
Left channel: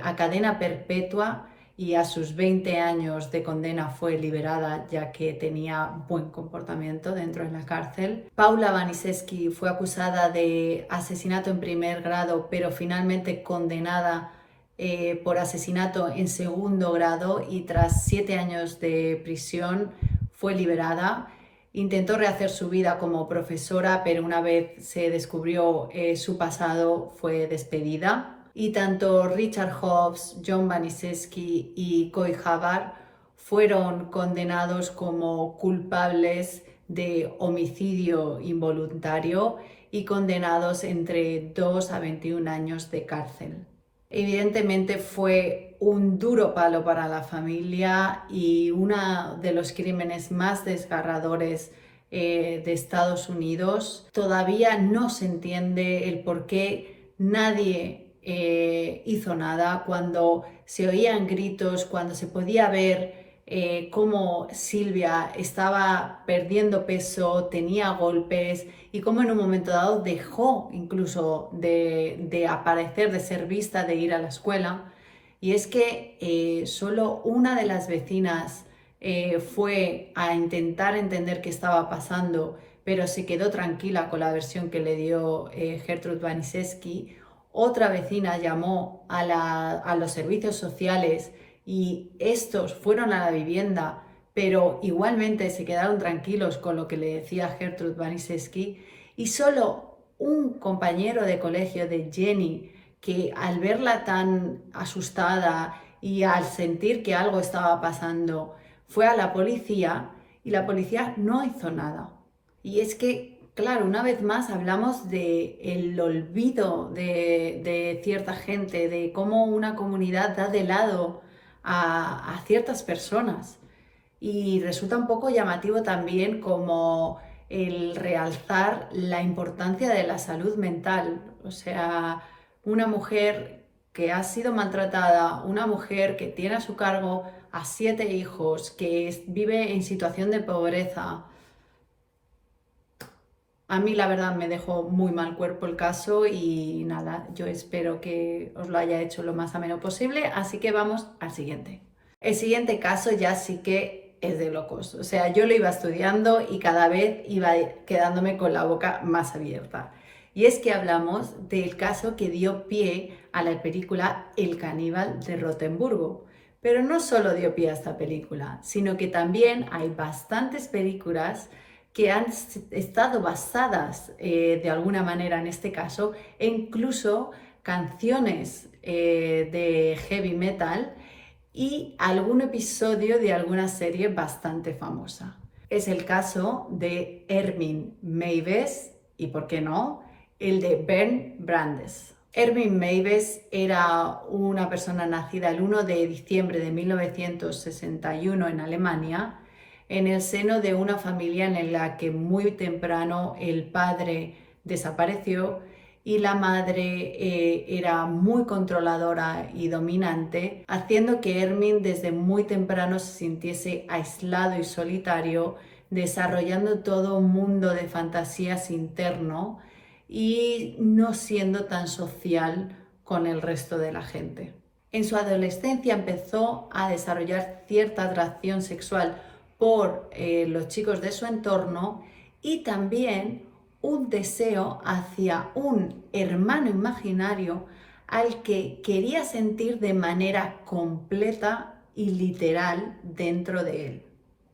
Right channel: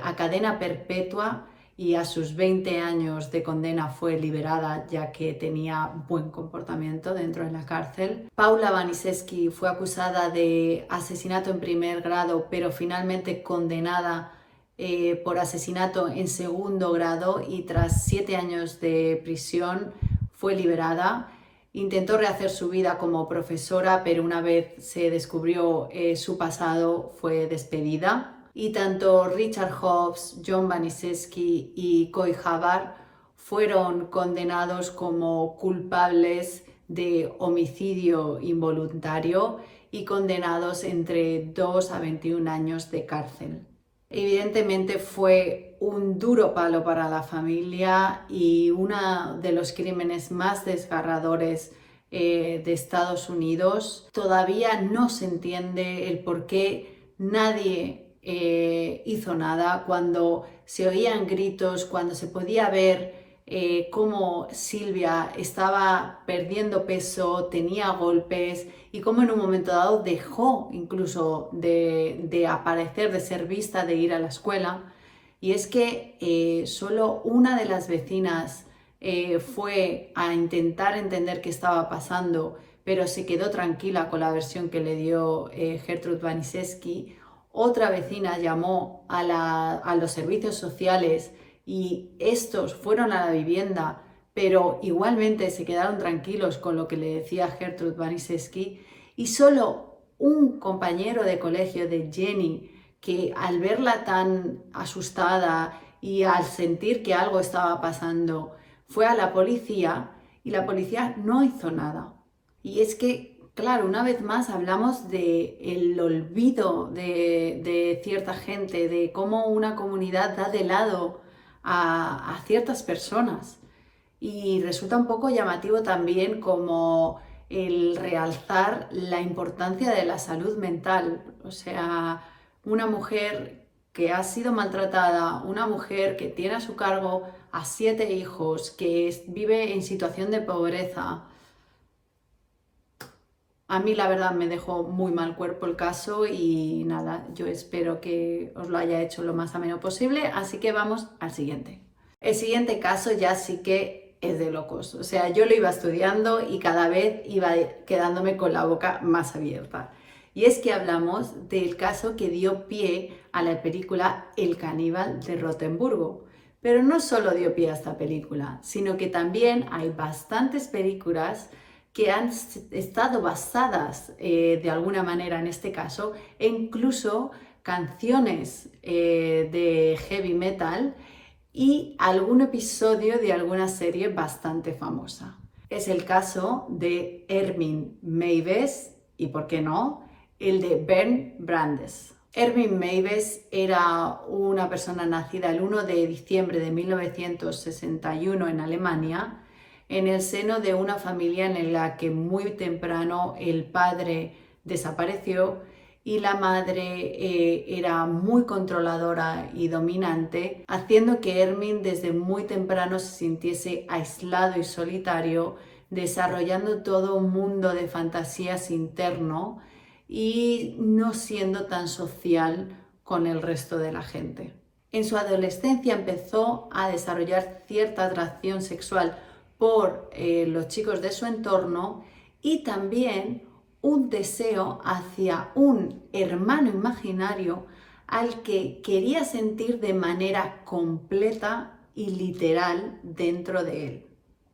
a cadena perpetua, y a sus 20 años de condena fue liberada ya que tenía buen comportamiento dentro de la cárcel. Paula Waniszewski fue acusada de asesinato en primer grado, pero finalmente condenada por asesinato en segundo grado y tras 7 años de prisión fue liberada. Intentó rehacer su vida como profesora, pero una vez se descubrió su pasado fue despedida. Y tanto Richard Hobbs, John Waniszewski y Coy Jabbar fueron condenados como culpables de homicidio involuntario y condenados entre 2 a 21 años de cárcel. Evidentemente fue un duro palo para la familia y uno de los crímenes más desgarradores de Estados Unidos. Todavía no se entiende el por qué nadie hizo nada cuando se oían gritos, cuando se podía ver cómo Silvia estaba perdiendo peso, tenía golpes y cómo en un momento dado dejó incluso de aparecer, de ser vista, de ir a la escuela. Y es que solo una de las vecinas fue a intentar entender qué estaba pasando, pero se quedó tranquila con la versión que le dio Gertrude Waniszewski. Otra vecina llamó a los servicios sociales y estos fueron a la vivienda, pero igualmente se quedaron tranquilos con lo que le decía Gertrude Waniszewski. Y solo un compañero de colegio de Jenny, que al verla tan asustada y al sentir que algo estaba pasando, fue a la policía y la policía no hizo nada. Y es que, claro, una vez más hablamos del olvido de cierta gente, de cómo una comunidad da de lado a ciertas personas. Y resulta un poco llamativo también como el realzar la importancia de la salud mental. O sea, una mujer que ha sido maltratada, una mujer que tiene a su cargo a 7 hijos, que vive en situación de pobreza. A mí la verdad me dejó muy mal cuerpo el caso y nada, yo espero que os lo haya hecho lo más ameno posible, así que vamos al siguiente. El siguiente caso ya sí que es de locos, o sea, yo lo iba estudiando y cada vez iba quedándome con la boca más abierta. Y es que hablamos del caso que dio pie a la película El caníbal de Rotemburgo. Pero no solo dio pie a esta película, sino que también hay bastantes películas que han estado basadas de alguna manera en este caso, e incluso canciones de heavy metal y algún episodio de alguna serie bastante famosa. Es el caso de Ermin Meiwes y, ¿por qué no?, el de Bernd Brandes. Ermin Meiwes era una persona nacida el 1 de diciembre de 1961 en Alemania, en el seno de una familia en la que muy temprano el padre desapareció y la madre era muy controladora y dominante, haciendo que Ermin desde muy temprano se sintiese aislado y solitario, desarrollando todo un mundo de fantasías interno y no siendo tan social con el resto de la gente. En su adolescencia empezó a desarrollar cierta atracción sexual por los chicos de su entorno y también un deseo hacia un hermano imaginario al que quería sentir de manera completa y literal dentro de él.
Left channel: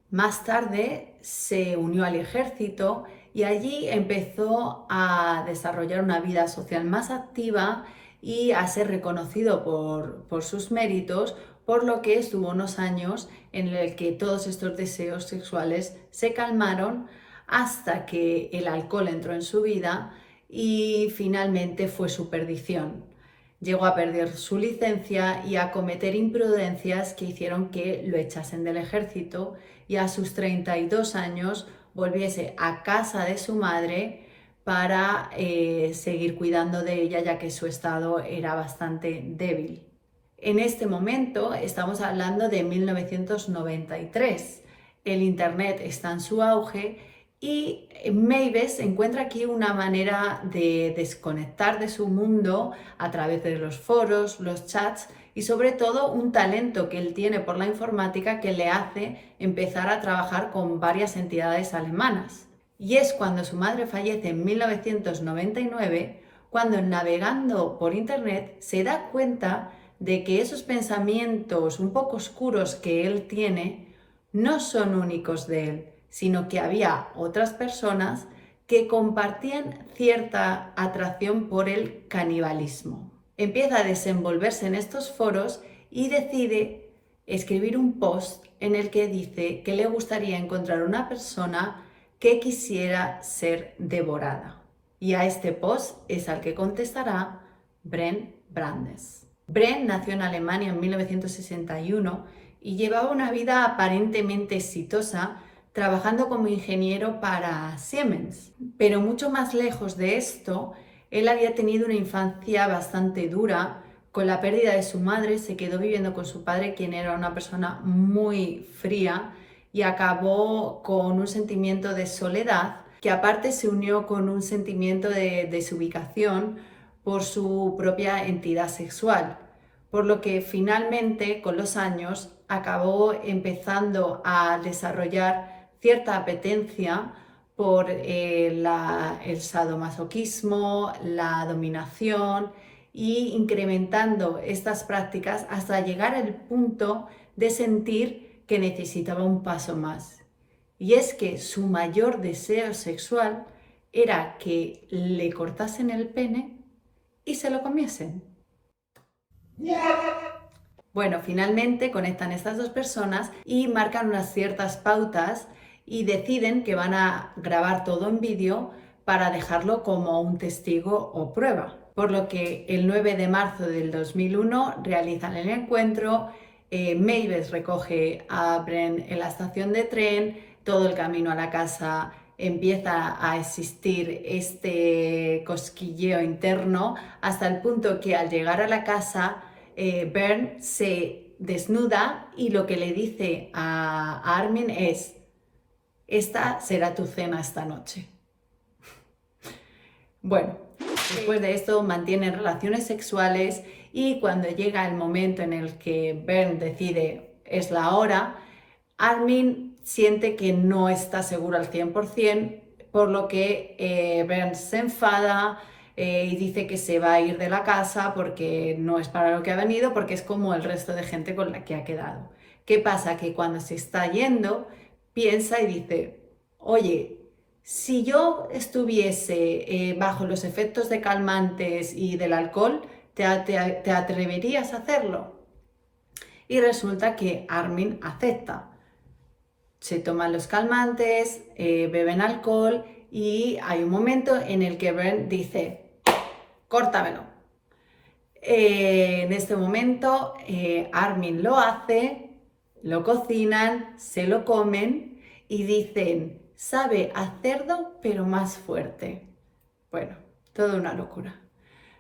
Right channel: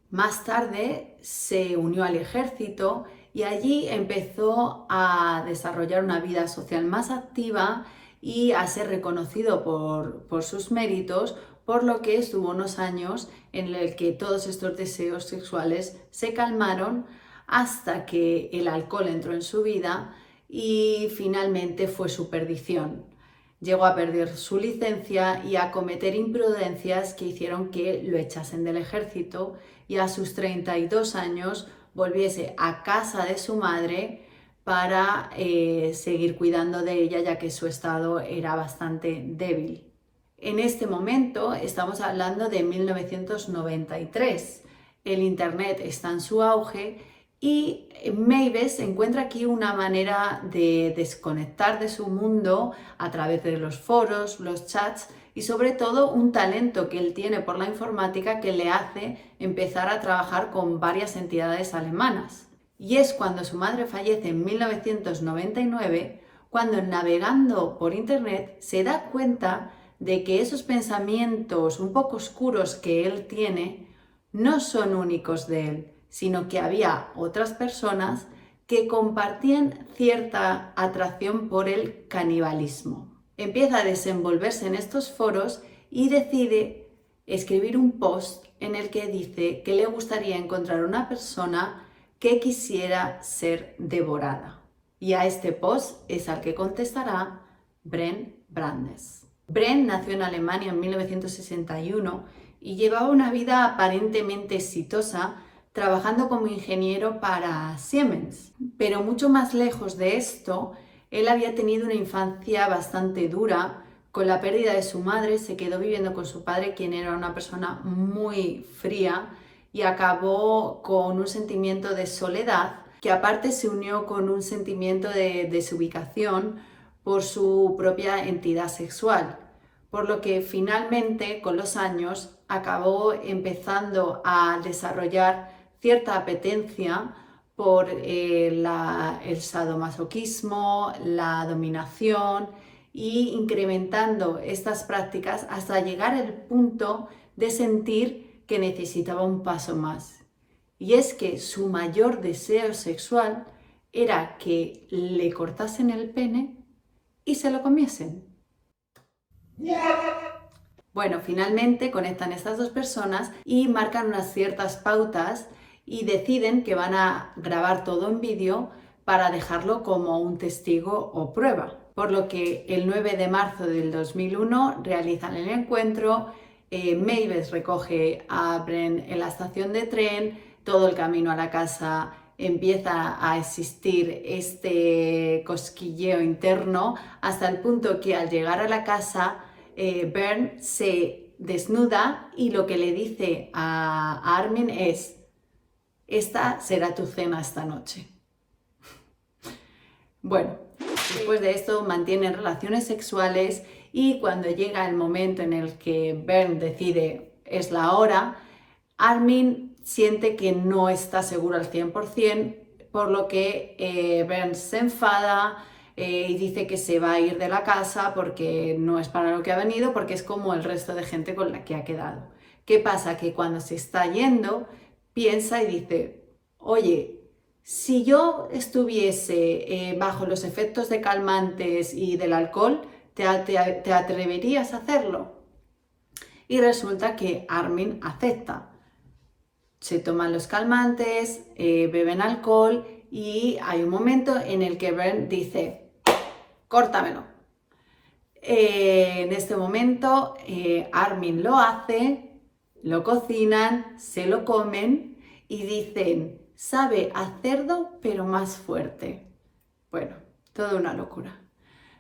Más tarde se unió al ejército y allí empezó a desarrollar una vida social más activa y a ser reconocido por sus méritos, por lo que estuvo unos años en el que todos estos deseos sexuales se calmaron hasta que el alcohol entró en su vida y finalmente fue su perdición. Llegó a perder su licencia y a cometer imprudencias que hicieron que lo echasen del ejército y a sus 32 años volviese a casa de su madre para seguir cuidando de ella, ya que su estado era bastante débil. En este momento estamos hablando de 1993. El Internet está en su auge y Meiwes encuentra aquí una manera de desconectar de su mundo a través de los foros, los chats y sobre todo un talento que él tiene por la informática que le hace empezar a trabajar con varias entidades alemanas. Y es cuando su madre fallece en 1999, cuando navegando por Internet se da cuenta de que esos pensamientos un poco oscuros que él tiene no son únicos de él, sino que había otras personas que compartían cierta atracción por el canibalismo. Empieza a desenvolverse en estos foros y decide escribir un post en el que dice que le gustaría encontrar una persona que quisiera ser devorada. Y a este post es al que contestará Bernd Brandes. Bernd nació en Alemania en 1961 y llevaba una vida aparentemente exitosa trabajando como ingeniero para Siemens. Pero mucho más lejos de esto, él había tenido una infancia bastante dura. Con la pérdida de su madre se quedó viviendo con su padre, quien era una persona muy fría, y acabó con un sentimiento de soledad que aparte se unió con un sentimiento de desubicación por su propia entidad sexual, por lo que finalmente con los años acabó empezando a desarrollar cierta apetencia por el sadomasoquismo, la dominación y incrementando estas prácticas hasta llegar al punto de sentir que necesitaba un paso más. Y es que su mayor deseo sexual era que le cortasen el pene y se lo comiesen. Bueno, finalmente conectan estas dos personas y marcan unas ciertas pautas y deciden que van a grabar todo en vídeo para dejarlo como un testigo o prueba. Por lo que el 9 de marzo del 2001 realizan el encuentro, Meiwes recoge a Bernd en la estación de tren, todo el camino a la casa empieza a existir este cosquilleo interno hasta el punto que al llegar a la casa Bernd se desnuda y lo que le dice a Armin es: esta será tu cena esta noche. Bueno, después de esto mantienen relaciones sexuales y cuando llega el momento en el que Bernd decide es la hora, Armin siente que no está seguro al 100%, por lo que Bernd se enfada y dice que se va a ir de la casa porque no es para lo que ha venido, porque es como el resto de gente con la que ha quedado. ¿Qué pasa? Que cuando se está yendo, piensa y dice: oye, si yo estuviese bajo los efectos de calmantes y del alcohol, ¿te atreverías a hacerlo? Y resulta que Armin acepta. se toman los calmantes, beben alcohol y hay un momento en el que Bern dice, córtamelo. En este momento Armin lo hace, lo cocinan, se lo comen y dicen, sabe a cerdo pero más fuerte. Bueno, toda una locura.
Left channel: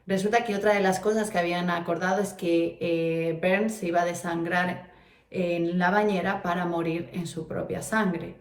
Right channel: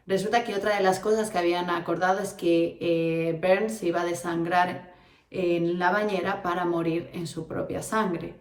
Resulta que otra de las cosas que habían acordado es que Bern se iba a desangrar en la bañera para morir en su propia sangre.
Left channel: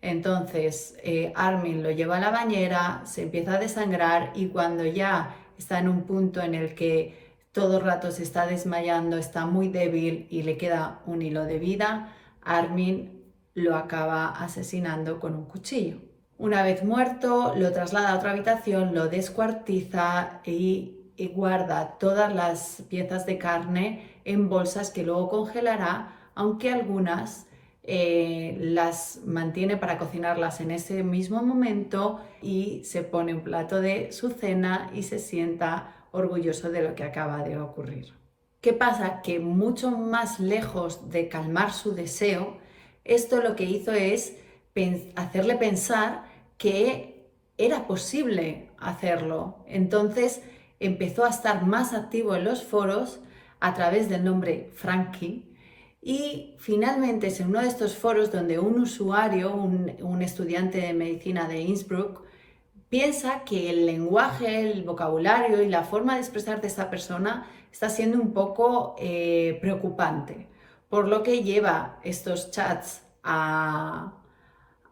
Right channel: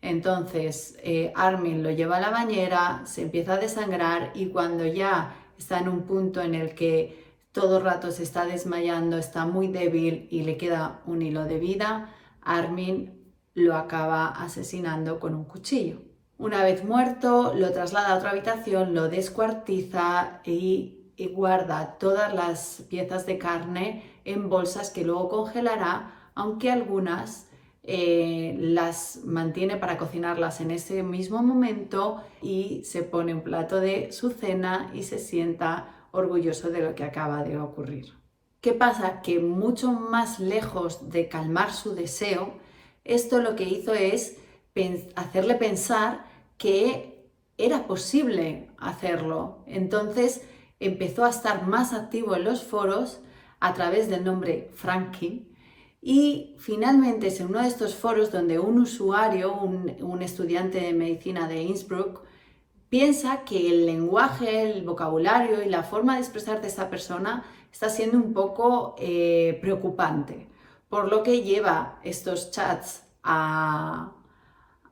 Entonces Armin lo lleva a la bañera, se empieza a desangrar y cuando ya está en un punto en el que todo el rato se está desmayando, está muy débil y le queda un hilo de vida, Armin lo acaba asesinando con un cuchillo. Una vez muerto, lo traslada a otra habitación, lo descuartiza y guarda todas las piezas de carne en bolsas que luego congelará, aunque algunas las mantiene para cocinarlas en ese mismo momento y se pone un plato de su cena y se sienta orgulloso de lo que acaba de ocurrir. ¿Qué pasa? Que mucho más lejos de calmar su deseo, esto lo que hizo es hacerle pensar que era posible hacerlo. Entonces empezó a estar más activo en los foros a través del nombre Frankie y finalmente es en uno de estos foros donde un usuario, un estudiante de medicina de Innsbruck, piensa que el lenguaje, el vocabulario y la forma de expresar de esta persona está siendo un poco preocupante, por lo que lleva estos chats a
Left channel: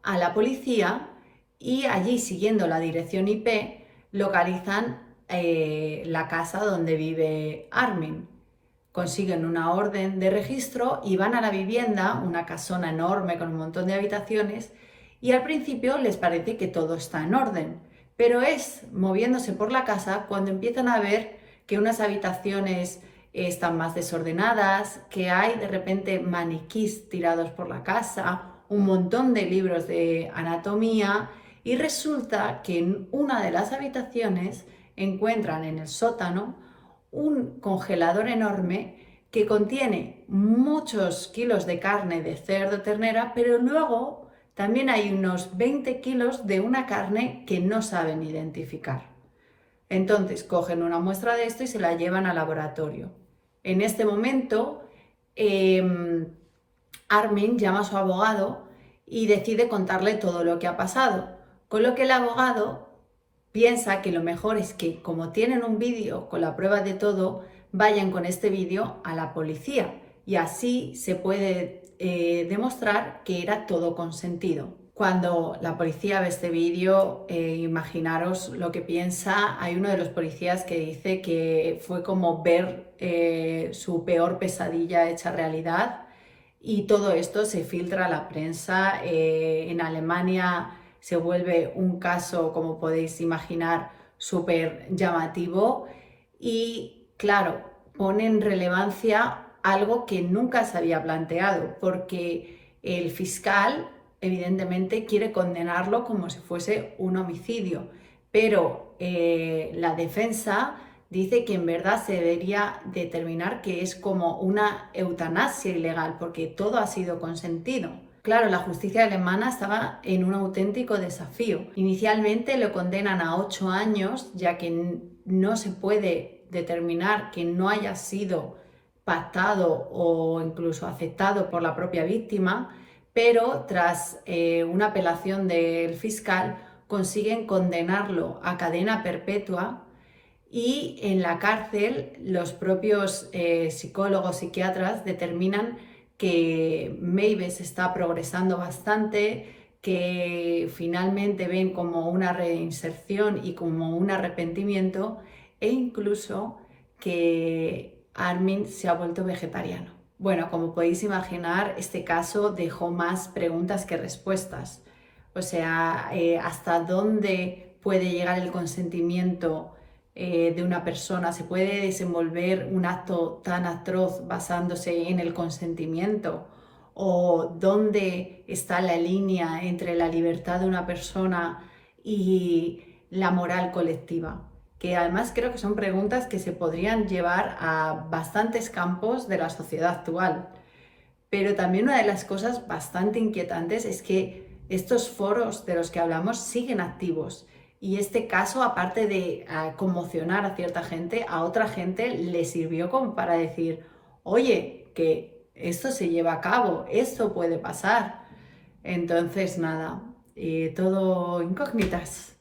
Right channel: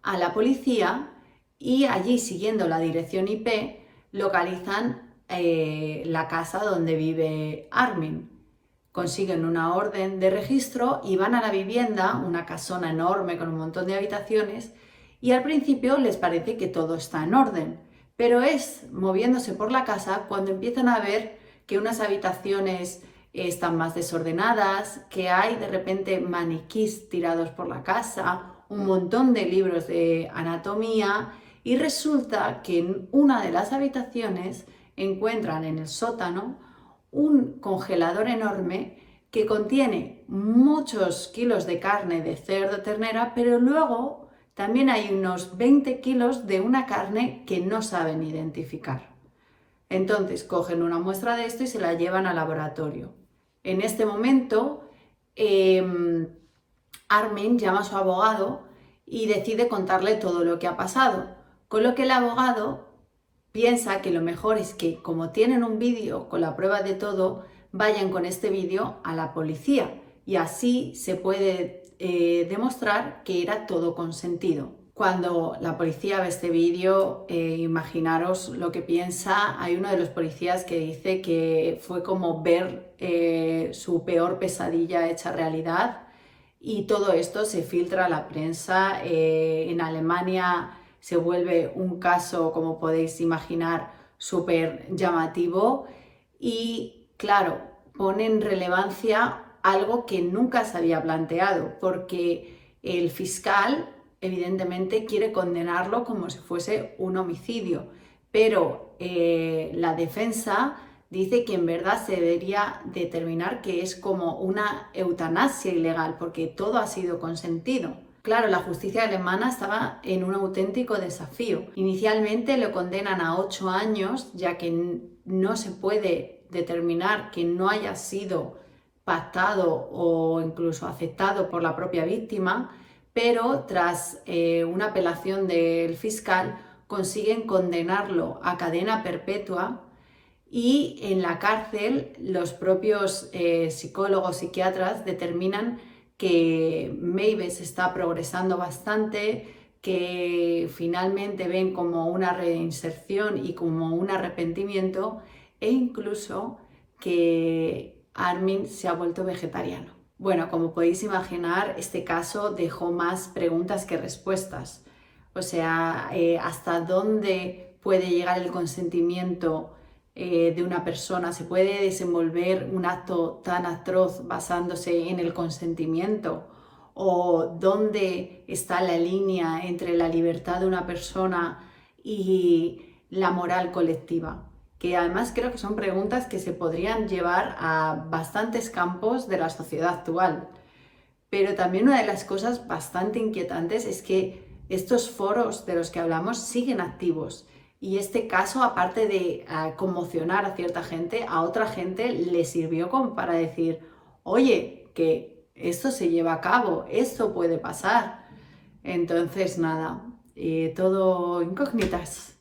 la policía y allí, siguiendo la dirección IP, localizan la casa donde vive Armin. Consiguen una orden de registro y van a la vivienda, una casona enorme con un montón de habitaciones, y al principio les parece que todo está en orden, pero es moviéndose por la casa cuando empiezan a ver que unas habitaciones están más desordenadas, que hay de repente maniquís tirados por la casa, un montón de libros de anatomía y resulta que en una de las habitaciones encuentran en el sótano un congelador enorme que contiene muchos kilos de carne de cerdo, ternera, pero luego también hay unos 20 kilos de una carne que no saben identificar. Entonces cogen una muestra de esto y se la llevan al laboratorio. En este momento, Armin llama a su abogado y decide contarle todo lo que ha pasado, con lo que el abogado piensa que lo mejor es que, como tienen un vídeo con la prueba de todo, vayan con este vídeo a la policía y así se puede demostrar que era todo consentido. Cuando la policía ve este vídeo, imaginaros lo que piensa. Hay uno de los policías que dice que fue como ver su peor pesadilla hecha realidad y todo esto se filtra a la prensa. En Alemania se vuelve un caso, como podéis imaginar, súper llamativo y, claro, pone en relevancia algo que nunca se había planteado, porque el fiscal evidentemente quiere condenarlo como si fuese un homicidio, pero la defensa dice que en verdad se debería determinar que es como una eutanasia ilegal, porque todo ha sido consentido. Claro, la justicia alemana estaba en un auténtico desafío. Inicialmente lo condenan a 8 años, ya que no se puede determinar que no haya sido pactado o incluso aceptado por la propia víctima, pero tras una apelación del fiscal consiguen condenarlo a cadena perpetua y en la cárcel los propios psicólogos, psiquiatras determinan que Mavis está progresando bastante, que finalmente ven como una reinserción y como un arrepentimiento e incluso que Armin se ha vuelto vegetariano. Bueno, como podéis imaginar, este caso dejó más preguntas que respuestas. O sea, ¿hasta dónde puede llegar el consentimiento de una persona? ¿Se puede desenvolver un acto tan atroz basándose en el consentimiento? ¿O dónde está la línea entre la libertad de una persona y la moral colectiva? Que además creo que son preguntas que se podrían llevar a bastantes campos de la sociedad actual. pero también una de las cosas bastante inquietantes es que estos foros de los que hablamos siguen activos. Y este caso, aparte de conmocionar a cierta gente, a otra gente le sirvió como para decir, oye, que esto se lleva a cabo, esto puede pasar. Entonces, nada, todo incógnitas.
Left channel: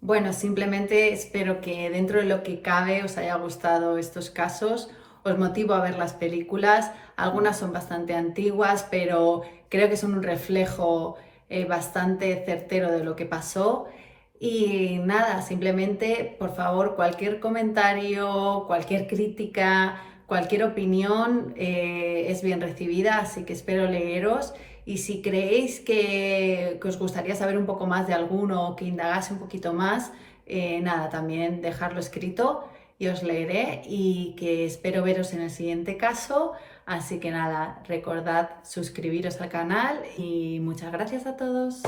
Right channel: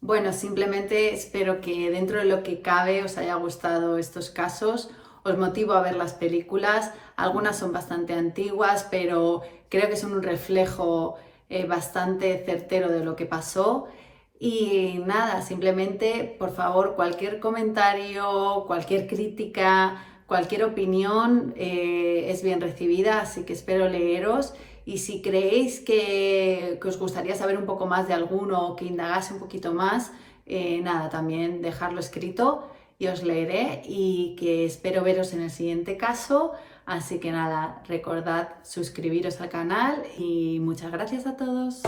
Bueno, simplemente espero que dentro de lo que cabe os haya gustado estos casos. Os motivo a ver las películas. Algunas son bastante antiguas, pero creo que son un reflejo bastante certero de lo que pasó. Y nada, simplemente, por favor, cualquier comentario, cualquier crítica, cualquier opinión es bien recibida, así que espero leeros. Y si creéis que os gustaría saber un poco más de alguno o que indagase un poquito más, nada, también dejarlo escrito y os leeré y que espero veros en el siguiente caso. Así que nada, recordad suscribiros al canal y muchas gracias a todos.